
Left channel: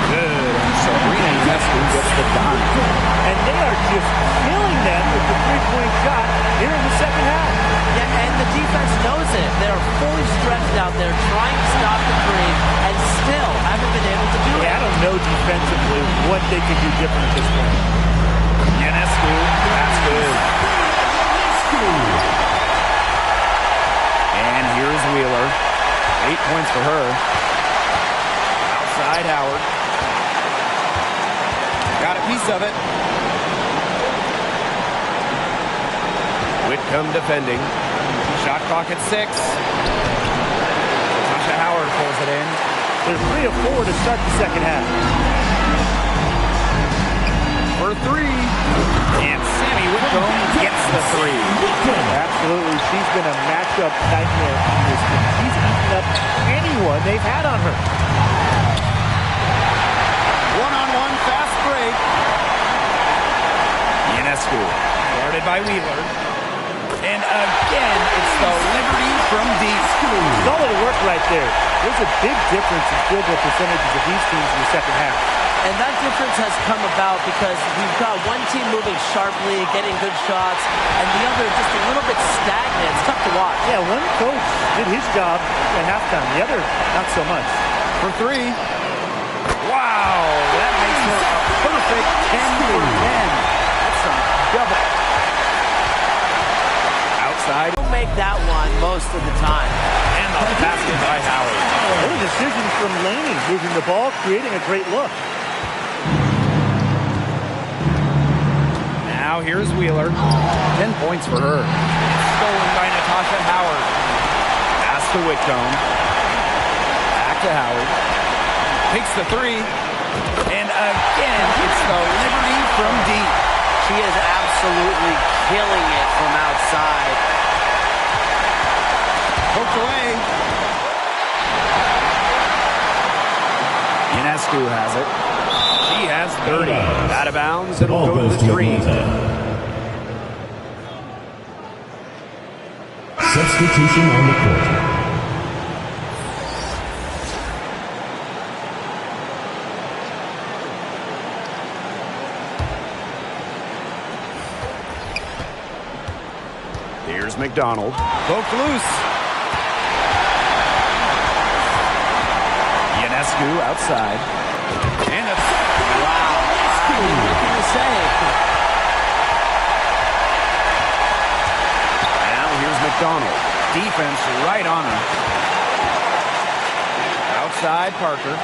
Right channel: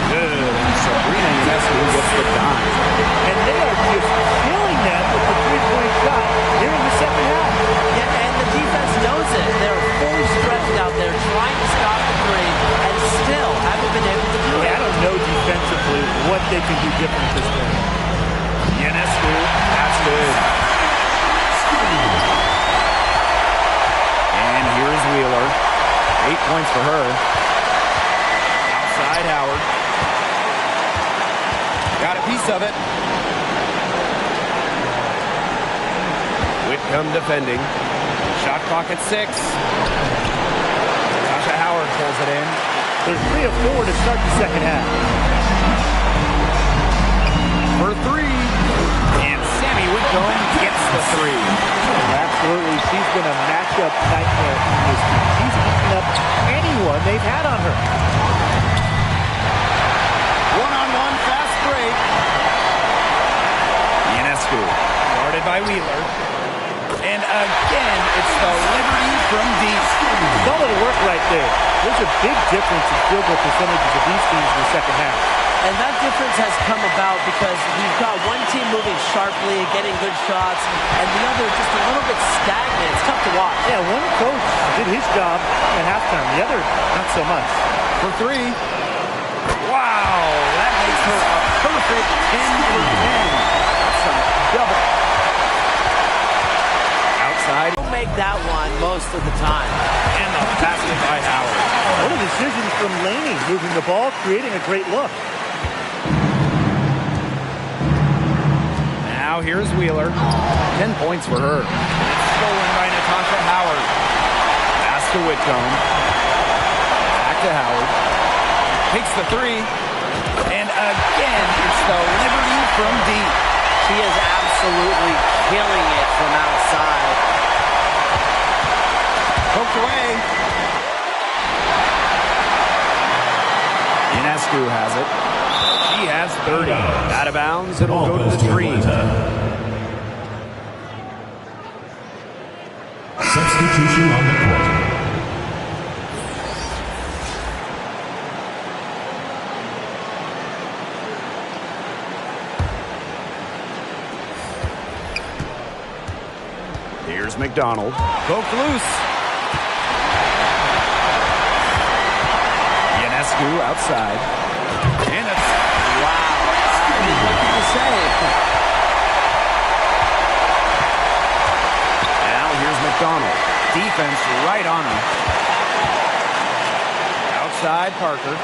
Good. And Sabrina Ionescu gets the dime. And they are just killing them with the three-point shot here in the second half. Yeah, and the defense knows it. They're fully stretched out there trying to stop the three and still haven't been able to do it. I don't know defensively what they can do different at this point. Ionescu. That's good. And here's Wheeler. 8 points for her. Outside Howard. Got a piece of it. Whitcomb defending. Shot clock at 6. Tasha Howard pulls it in. There's 3 of 4 to start the second half. For 3. And Sammy Whitcomb gets the 3. Absolutely. She's been a matchup nightmare in this game. She's eaten up anyone they've had on her. One-on-one fast break. Ionescu, guarded by Wheeler. And again, it's the Liberty from deep. Solid work right there. There's a big difference in field goal percentages of these teams in the second half. And that difference has come about because we've got one team moving sharply, getting good shots, and the other just a little bit stagnant. It's tough to watch. Yeah, one coach did his job at halftime. The other, not so much. For 3. Wow, that makes her a perfect 10 for 10. That's some double. Outside. Don't make that one most of the time. And the basket by Howard. What a decision from Laney, moving the ball, creating a great look. Now here's Wheeler. 10 points for her. It's stolen by Natasha Howard. Pass to Whitcomb. Back to Howard. Takes the three. And again, it's the Liberty from deep. She is absolutely killing it from outside. Poked away. Ionescu has it. She has 30. Out of bounds. It'll go to the Dream. Substitution on the court. Here's McDonald. Poked loose. Ionescu outside. And a... Wow. I mean, what can you say? Now here's McDonald. Defense right on her. Outside Parker.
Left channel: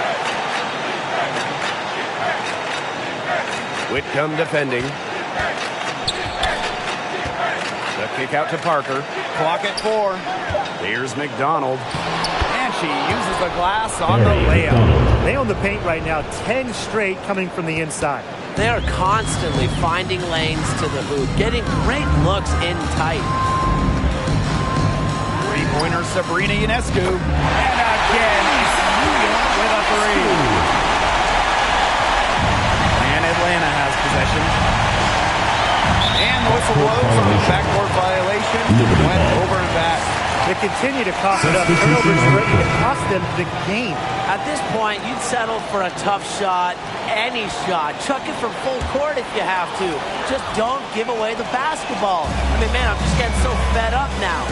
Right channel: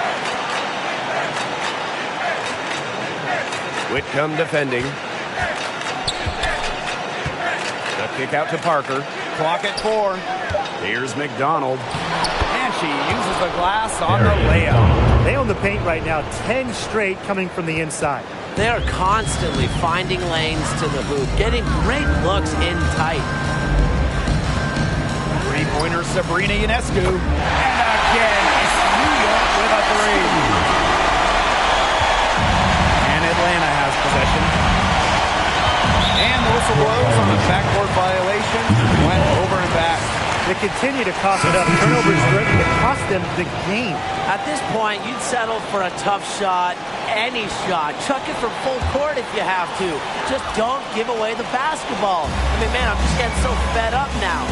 Whitcomb defending. The kick out to Parker. Clock at 4. Here's McDonald. And she uses the glass on the layup. They own the paint right now. 10 straight coming from the inside. They are constantly finding lanes to the hoop, getting great looks in tight. Three-pointer Sabrina Ionescu. And again, it's New York with a 3. And Atlanta has possession. And the whistle blows on a backcourt violation. Went over and back. They continue to cough it up. Turnovers ready to cost them the game. At this point, you'd settle for a tough shot, any shot. Chuck it from full court if you have to. Just don't give away the basketball. I mean, man, I'm just getting so fed up now.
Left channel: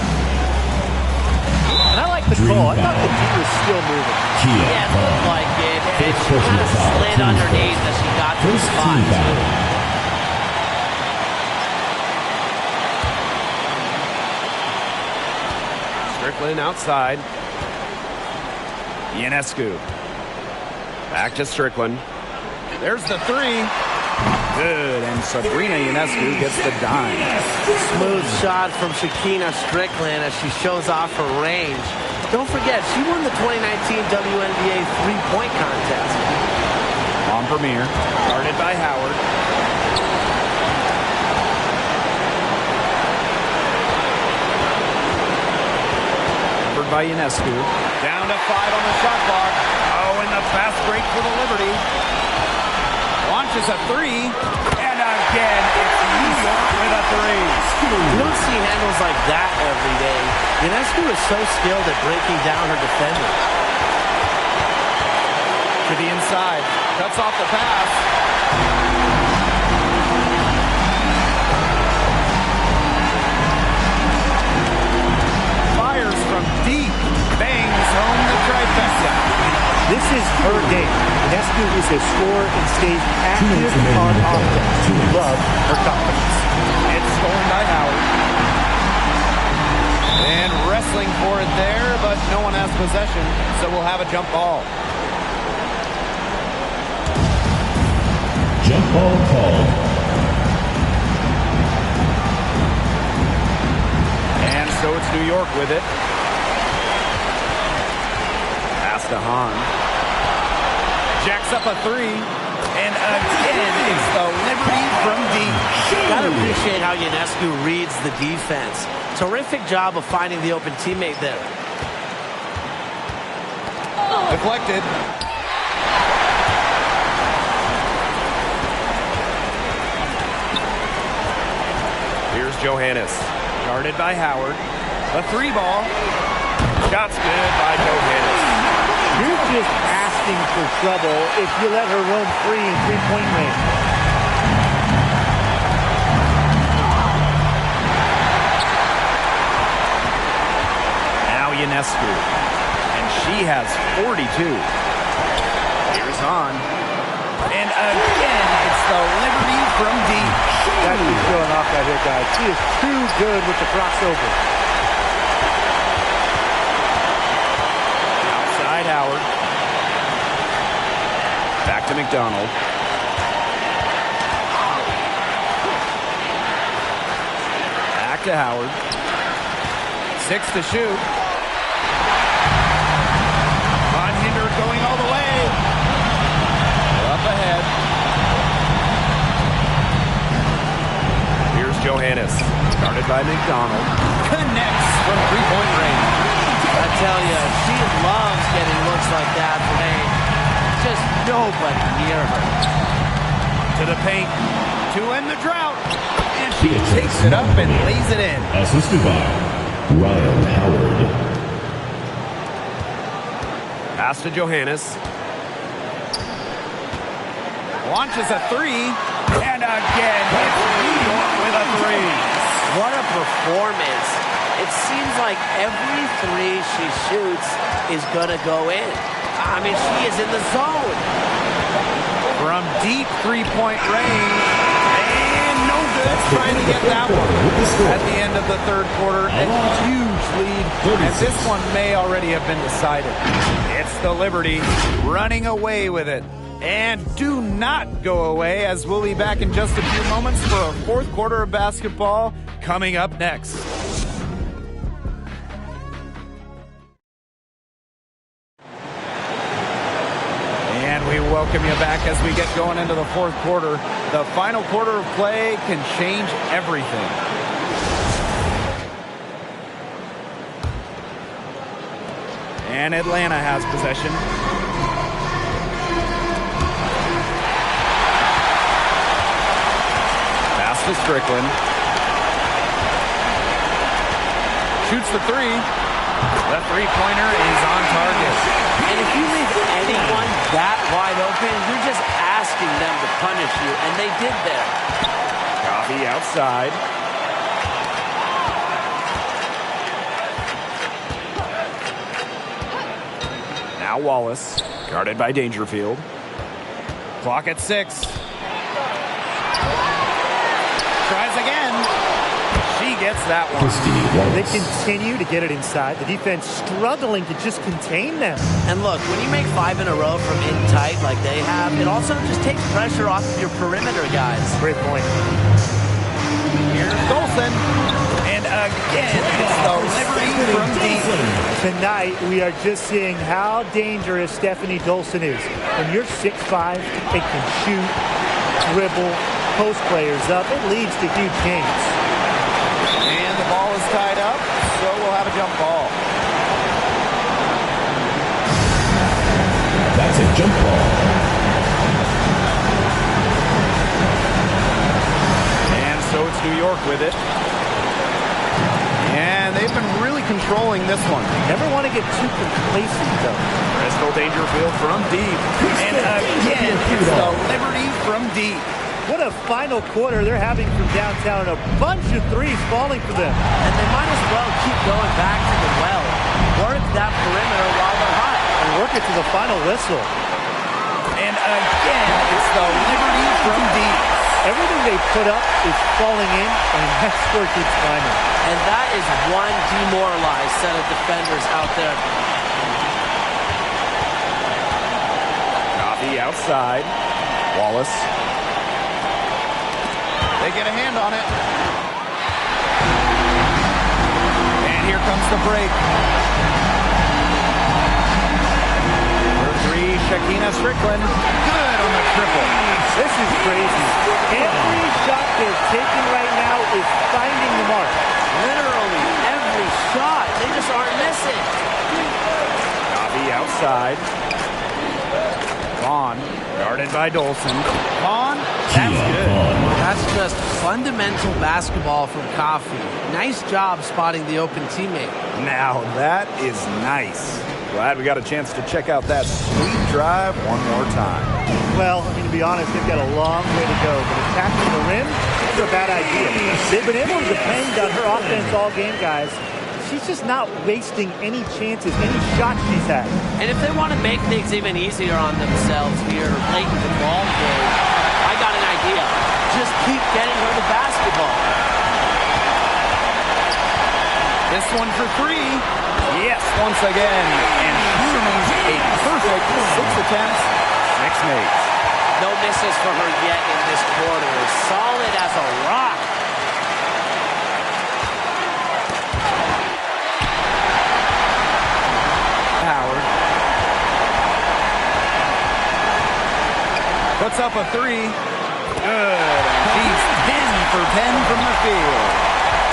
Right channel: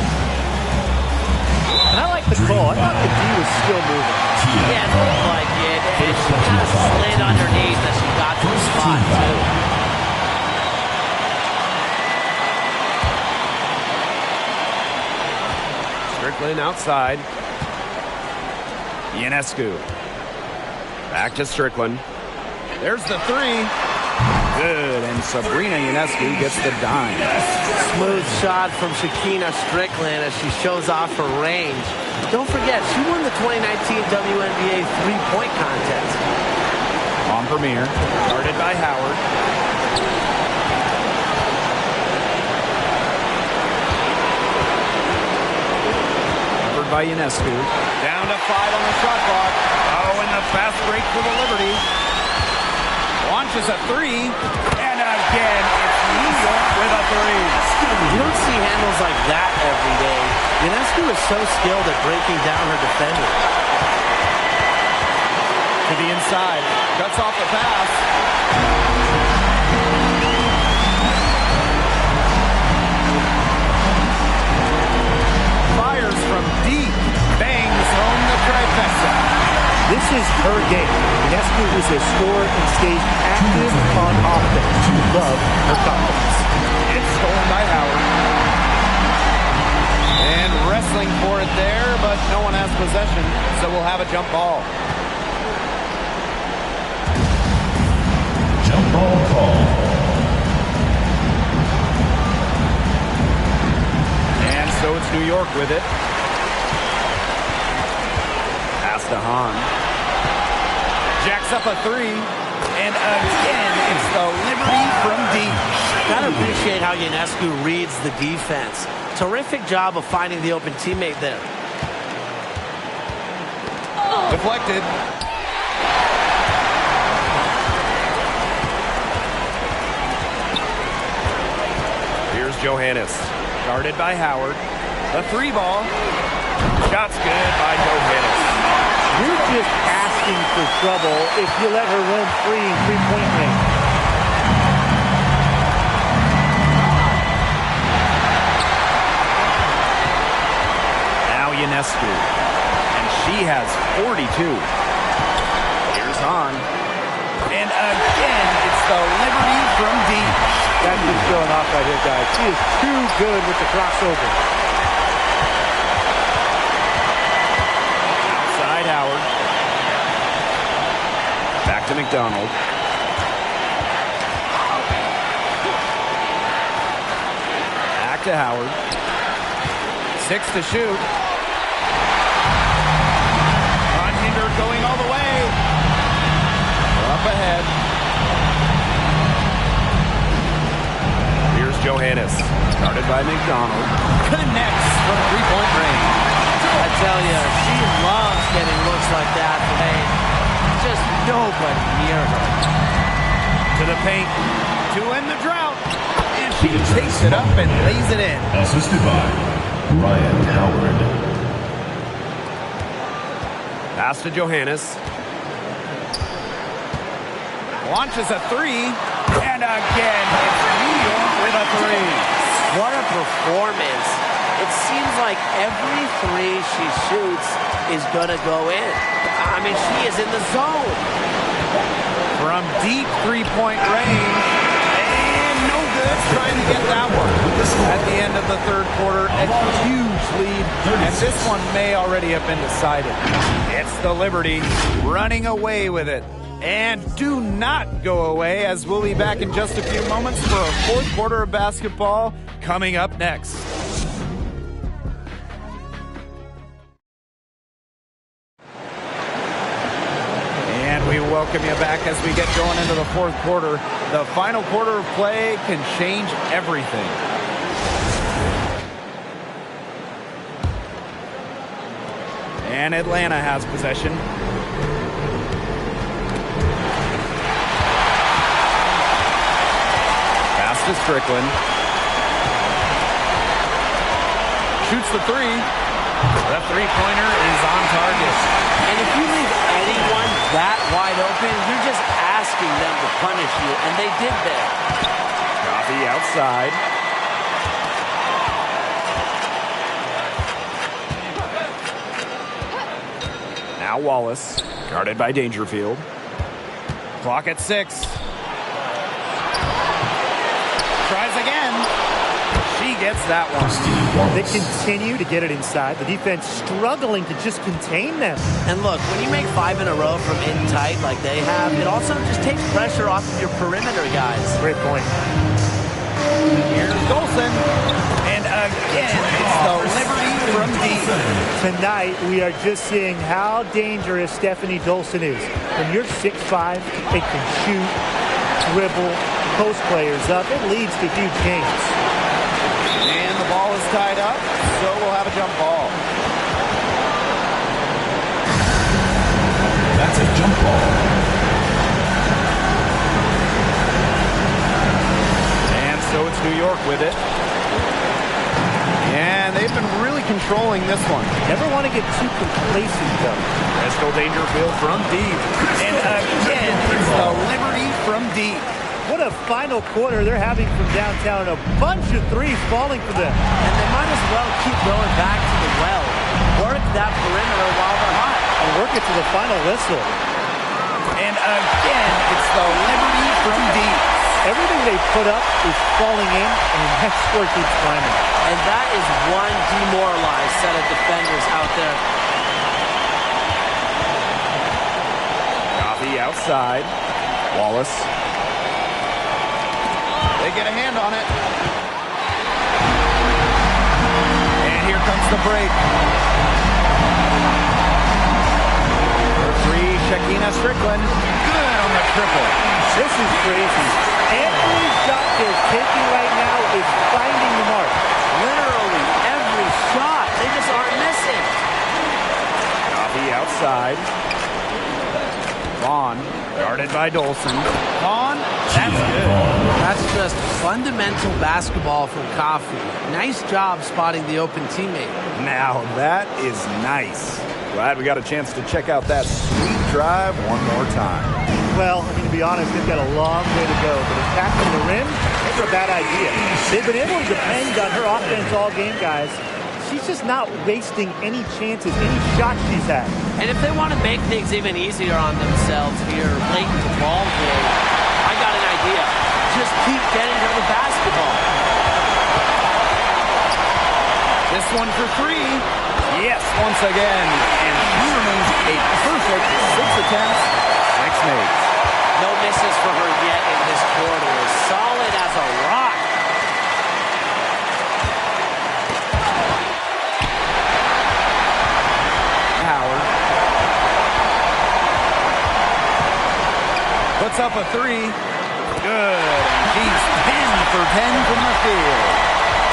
And I like the call. I thought the D was still moving. Yeah, it looked like it. And she kind of slid underneath as she got to the spot, too. Strickland outside. Ionescu. Back to Strickland. There's the 3. Good, and Sabrina Ionescu gets the dime. Smooth shot from Shakina Strickland as she shows off her range. Don't forget, she won the 2019 WNBA three-point contest. On Premier, guarded by Howard. By Ionescu. Down to 5 on the shot clock. Oh, and the fast break for the Liberty. Launches a 3. And again, it's New York with a 3. You don't see handles like that every day. Ionescu is so skilled at breaking down her defender. To the inside. Cuts off the pass. Fires from deep, bangs home the trifecta. This is her game. Ionescu is a scorer and stays active on offense. You love her confidence. It's stolen by Howard. And wrestling for it there, but no one has possession, so we'll have a jump ball. Jump ball called. And so it's New York with it. Pass to Hahn. Jacks up a 3. And again, it's the Liberty from deep. Gotta appreciate how Ionescu reads the defense. Terrific job of finding the open teammate there. Deflected. Here's Johannes. Guarded by Howard. The 3 ball. Shot's good by Johannes. You're just asking for trouble if you let her roam free in three-point range. Now Ionescu. And she has 42. Here's Hahn. And again, it's the Liberty from deep. That's just showing off right here, guys. She is too good with the crossover. Outside Howard. Back to McDonald. Back to Howard. 6 to shoot. Unhindered going all the way. Up ahead. Here's Johannes. Guarded by McDonald. Connects from three-point range. I tell you, she loves getting looks like that from Payne. Just nobody near her. To the paint. To end the drought. And she takes it up and lays it in. Assisted by Ryan Howard. Pass to Johannes. Launches a three. And again, it's New York with a three. What a performance. It seems like every three she shoots is going to go in. I mean, she is in the zone. From deep three-point range. And no good trying to get that one. At the end of the third quarter, a huge lead. And this one may already have been decided. It's the Liberty running away with it. And do not go away, as we'll be back in just a few moments for a fourth quarter of basketball coming up next. And we welcome you back as we get going into the fourth quarter. The final quarter of play can change everything. And Atlanta has possession. Pass to Strickland. Shoots the three. The three-pointer is on target. And if you leave anyone that wide open, you're just asking them to punish you, and they did there. Coffee outside. Now Wallace, guarded by Dangerfield. Clock at 6. Tries again. She gets that one. They continue to get it inside. The defense struggling to just contain them. And look, when you make 5 in a row from in tight like they have, it also just takes pressure off of your perimeter guys. Great point. Here's Dolson. And again, it's the Liberty from deep. Tonight, we are just seeing how dangerous Stephanie Dolson is. When you're 6'5", it can shoot, dribble, post players up. It leads to huge games. And the ball is tied up, so we'll have a jump ball. That's a jump ball. And so it's New York with it. And they've been really controlling this one. Never want to get too complacent, though. Crystal Dangerfield from deep. And again, it's the Liberty from deep. What a final quarter they're having from downtown. A bunch of threes falling for them. And they might as well keep going back to the well. Work that perimeter while they're hot. And work it to the final whistle. And again, it's the Liberty from deep. Everything they put up is falling in, and that score keeps climbing. And that is one demoralized set of defenders out there. Coffee outside. Wallace. They get a hand on it. And here comes the break. For three, Shakina Strickland. Good on the triple. This is crazy. Every shot they're taking right now is finding the mark. Literally every shot. They just aren't missing. Coffee outside. Vaughn, guarded by Dolson. Vaughn, that's good. That's just fundamental basketball from Coffee. Nice job spotting the open teammate. Now that is nice. Glad we got a chance to check out that sweet drive one more time. Well, I mean, to be honest, they've got a long way to go, but attacking the rim, never a bad idea. They've been able to depend on her offense all game, guys. She's just not wasting any chances, any shots she's had. And if they want to make things even easier on themselves here late in the ball game, I got an idea. Just keep getting her the basketball. This one for three. Yes, once again. And she remains a perfect 6 attempts, 6 makes. No misses for her yet in this quarter. Solid as a rock. Howard. Puts up a three. Good. And she's 10 for 10 from the field.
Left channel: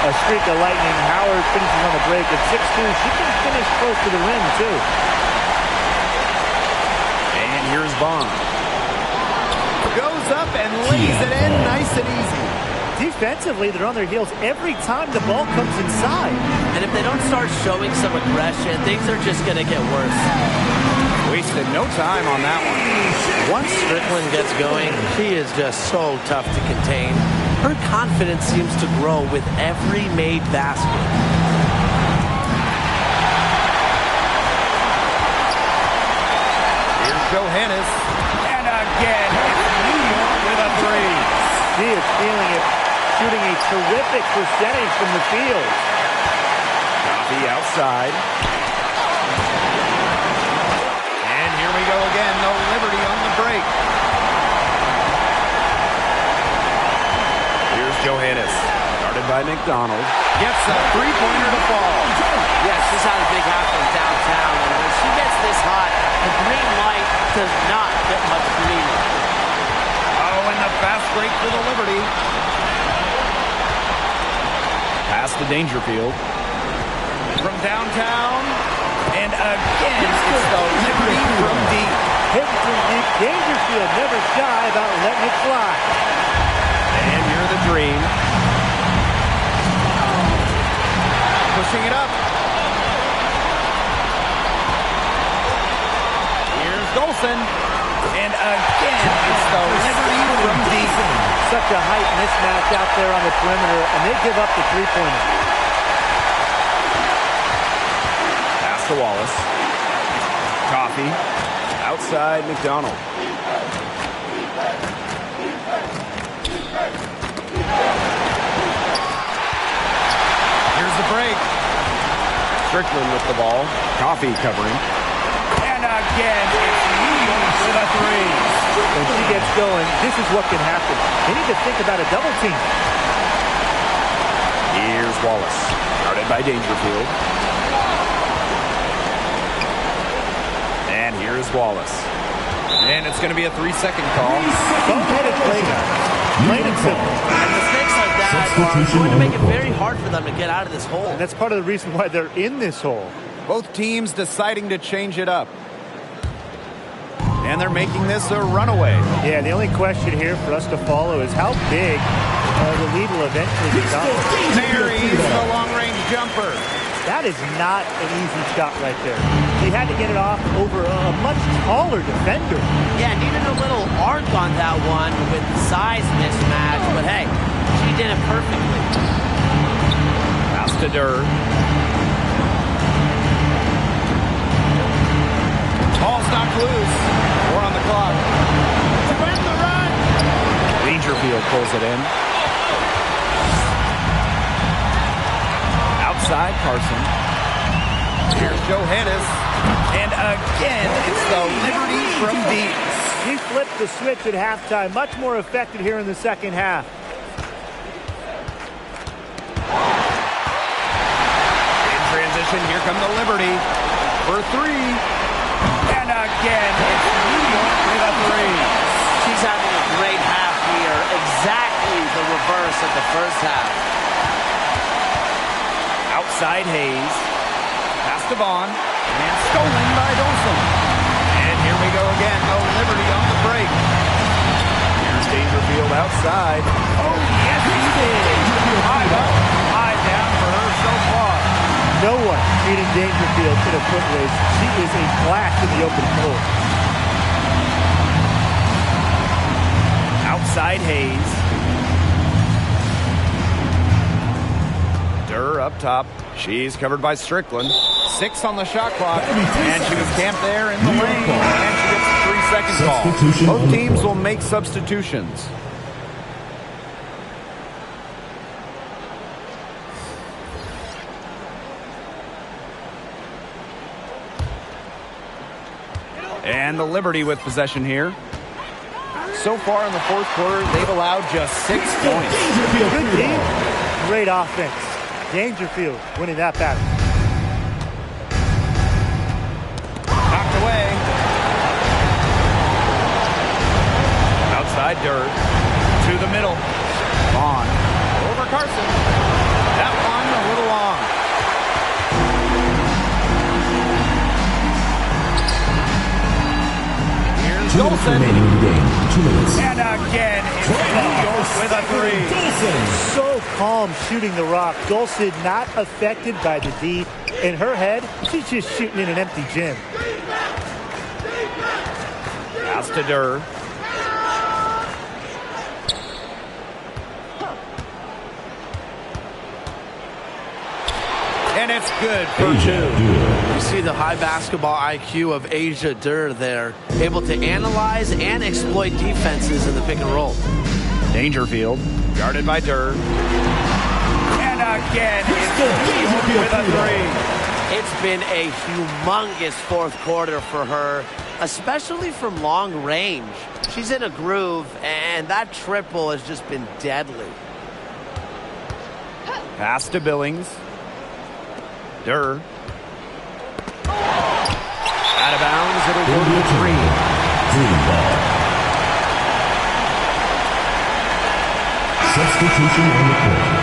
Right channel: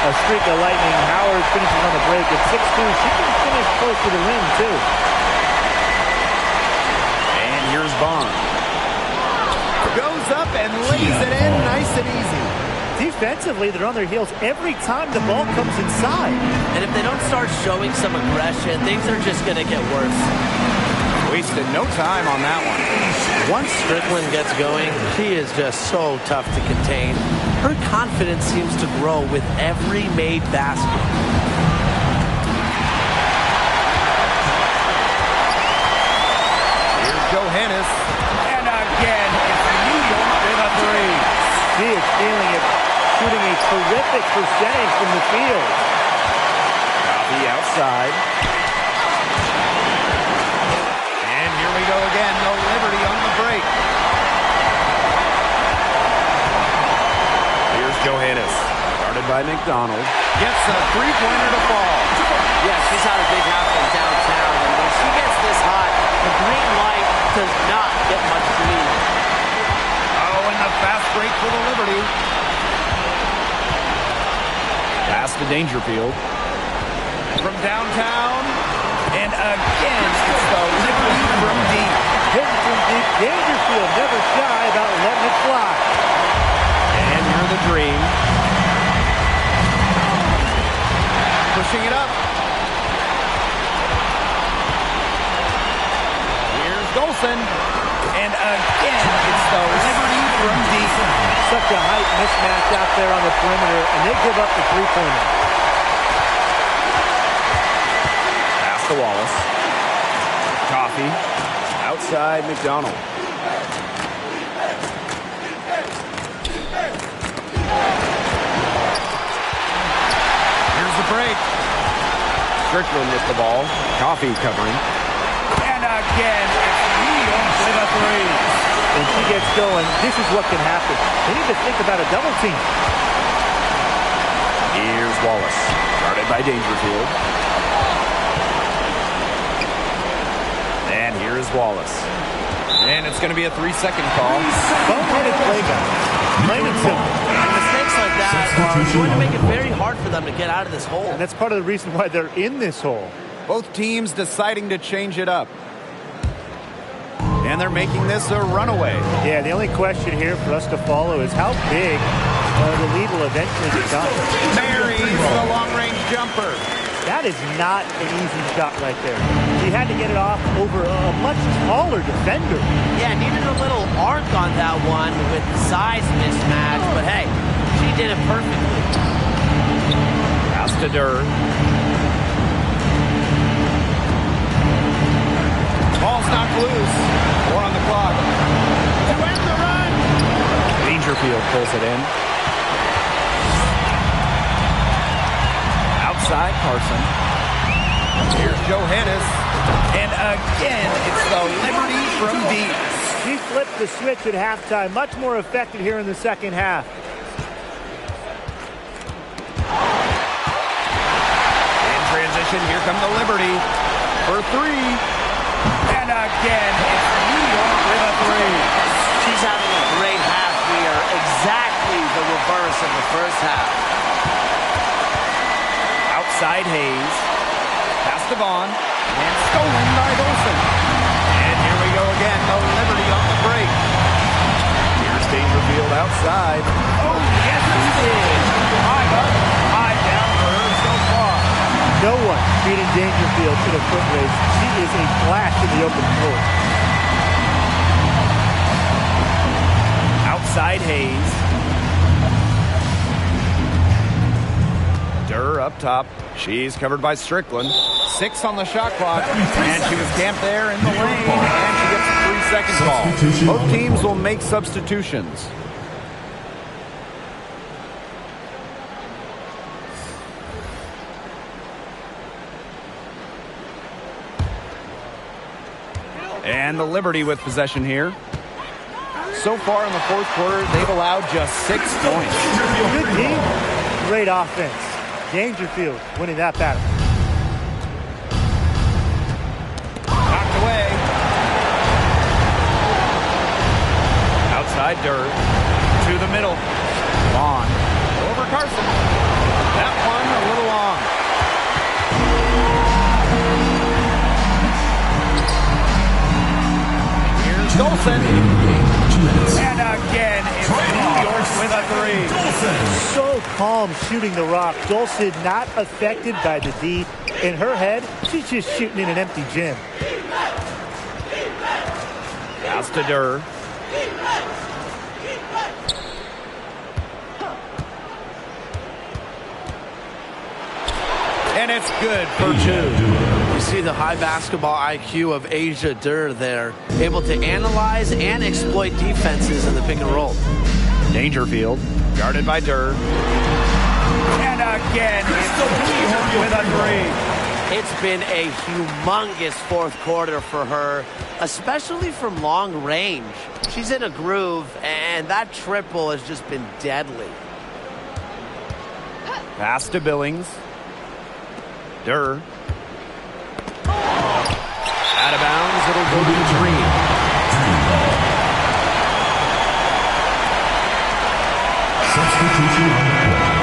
A streak of lightning. Howard finishes on the break at 6'2". She can finish close to the rim, too. And here's Bond. Goes up and lays it in nice and easy. Defensively, they're on their heels every time the ball comes inside. And if they don't start showing some aggression, things are just going to get worse. Wasted no time on that one. Once Strickland gets going, she is just so tough to contain. Her confidence seems to grow with every made basket. Here's Johannes. And again, it's New York with a three. She is feeling it, shooting a terrific percentage from the field. Coffee outside. And here we go again, no Liberty on the break. Here's Johannes, guarded by McDonald. Gets a three-pointer to fall. Yeah, she's had a big half from downtown, and when she gets this hot, the green light does not get much greener. Oh, and the fast break for the Liberty. Pass to Dangerfield. From downtown. And again, it's the Liberty from deep. Hitting from deep. Dangerfield never shy about letting it fly. And you're the Dream. Pushing it up. Here's Golson. And again, it's the Liberty from deep. Such a height mismatch out there on the perimeter, and they give up the three-pointer. Pass to Wallace. Coffee. Outside McDonald. Here's the break. Strickland with the ball. Coffee covering. And again, it's New York with a three. When she gets going, this is what can happen. They need to think about a double team. Here's Wallace, guarded by Dangerfield. And here's Wallace. And it's going to be a 3-second call. Boneheaded play, guys. Plain and simple. And mistakes like that are going to make it very hard for them to get out of this hole. And that's part of the reason why they're in this hole. Both teams deciding to change it up. And they're making this a runaway. Yeah, the only question here for us to follow is how big the lead will eventually become. Marries the long-range jumper. That is not an easy shot right there. She had to get it off over a much taller defender. Yeah, needed a little arc on that one with size mismatch, but hey, she did it perfectly. Pass to Durr. Ball's knocked loose. 4 on the clock. To end the run. Dangerfield pulls it in. Outside Carson. Here's Johannes. And again, it's the Liberty from deep. She flipped the switch at halftime. Much more effective here in the second half. In transition, here come the Liberty for 3. And again, it's New York with a 3. She's having a great half here. Exactly the reverse of the first half. Outside Hayes. Pass to Vaughn. And stolen by Dolson. And here we go again. No Liberty on the break. Here's Dangerfield outside. Oh, yes, he did. 5 up, 5 down for her so far. No one beating Dangerfield in a foot race. She is a flash in the open floor. Outside Hayes. Durr up top. She's covered by Strickland. 6 on the shot clock. And she was camped there in the lane. And she gets a 3-second call. Both teams will make substitutions. And the Liberty with possession here. So far in the fourth quarter, they've allowed just 6 points. Good team, great offense. Dangerfield winning that battle. Outside Durr. To the middle. Vaughn. Over Carson. That one a little long. Here's Dolson. Remaining in the game. 2 minutes. And again, it's New York with a three. So calm shooting the rock. Dolson not affected by the D. In her head, she's just shooting in an empty gym. Pass to Durr. And it's good for two. You see the high basketball IQ of Asia Durr there, able to analyze and exploit defenses in the pick and roll. Dangerfield, guarded by Durr. And again, it's New York with a three. It's been a humongous fourth quarter for her, especially from long range. She's in a groove, and that triple has just been deadly. Pass to Billings. Durr. Out of bounds, it'll go to the three. Three ball. Substitution on the court.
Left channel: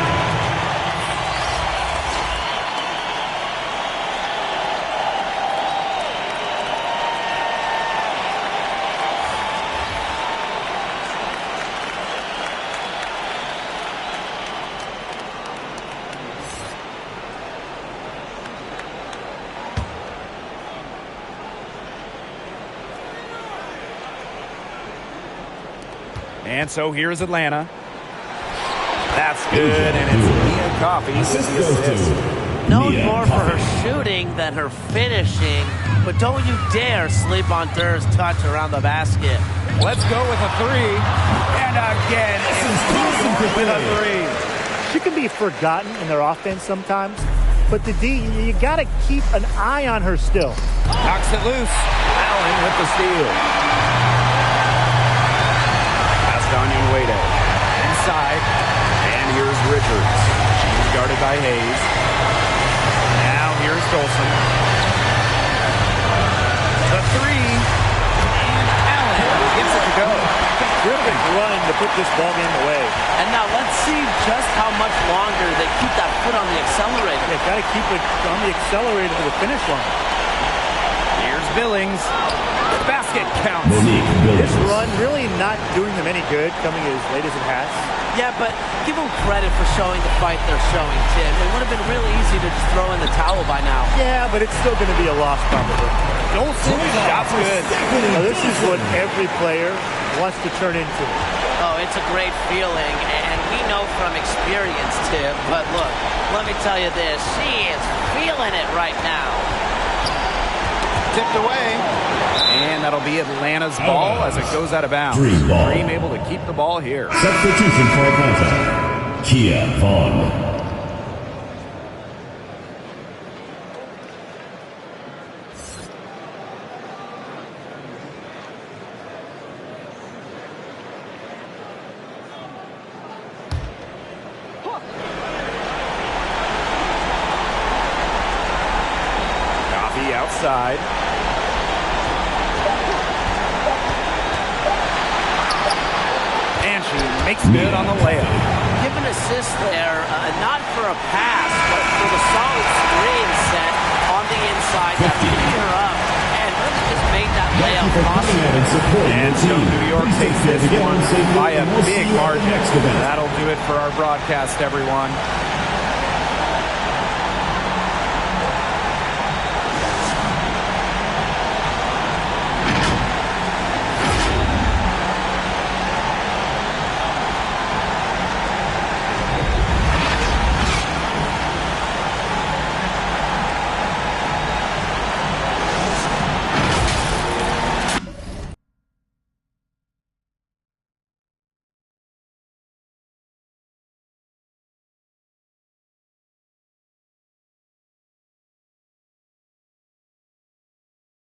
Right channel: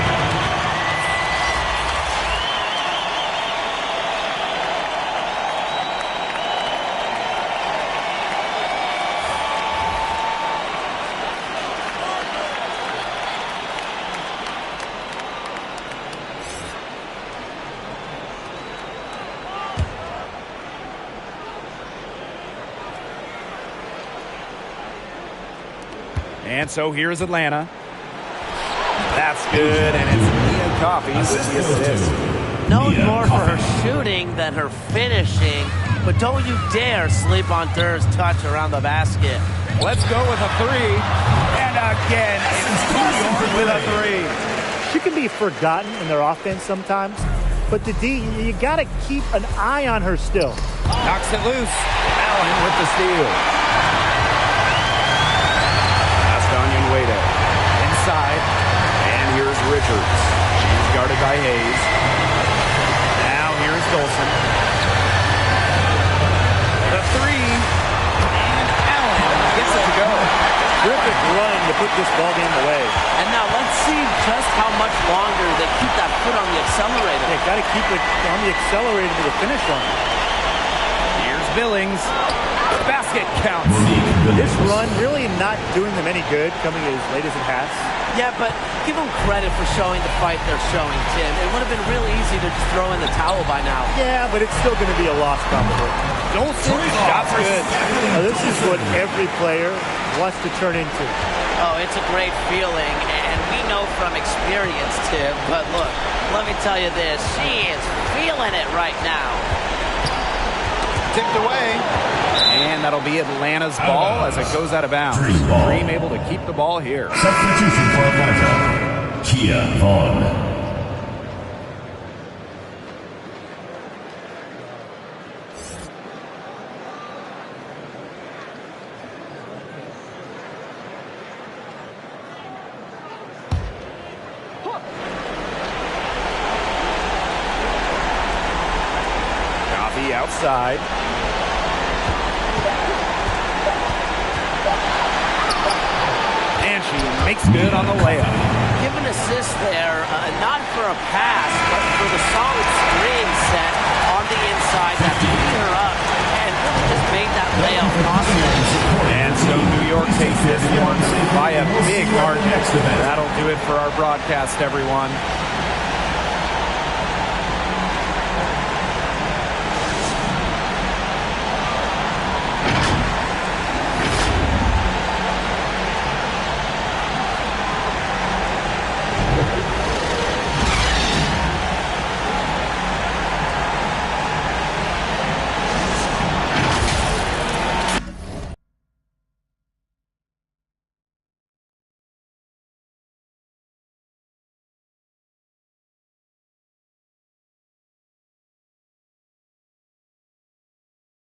And so here's Atlanta. That's good, and it's Mia Coffey with the assist. Known more for her shooting than her finishing, but don't you dare sleep on Durr's touch around the basket. Let's go with a three. And again, it's New York with a three. She can be forgotten in their offense sometimes, but the D, you got to keep an eye on her still. Knocks it loose. Allen with the steal. Onion Wade inside, and here's Richards. She's guarded by Hayes. Now here's Dolson. The three, and Allen gets it to go. Terrific run to put this ball game away. And now let's see just how much longer they keep that foot on the accelerator. Yeah, got to keep it on the accelerator to the finish line. Here's Billings. Basket counts. This run really not doing them any good, coming as late as it has. Yeah, but give them credit for showing the fight they're showing, Tim. It would have been really easy to just throw in the towel by now. Yeah, but it's still going to be a loss probably. Dolson, shot's good. Now, this is what every player wants to turn into. Oh, it's a great feeling, and we know from experience, Tim. But look, let me tell you this. She is feeling it right now. Tipped away. And that'll be Atlanta's ball as it goes out of bounds. Dream able to keep the ball here. Substitution for Atlanta. Kia Vaughn. Coffey outside. And she makes good on the layup. Give an assist there, not for a pass, but for the solid screen set on the inside that freed her up and really just made that layup possible. And so New York takes this one by a big margin. That'll do it for our broadcast, everyone.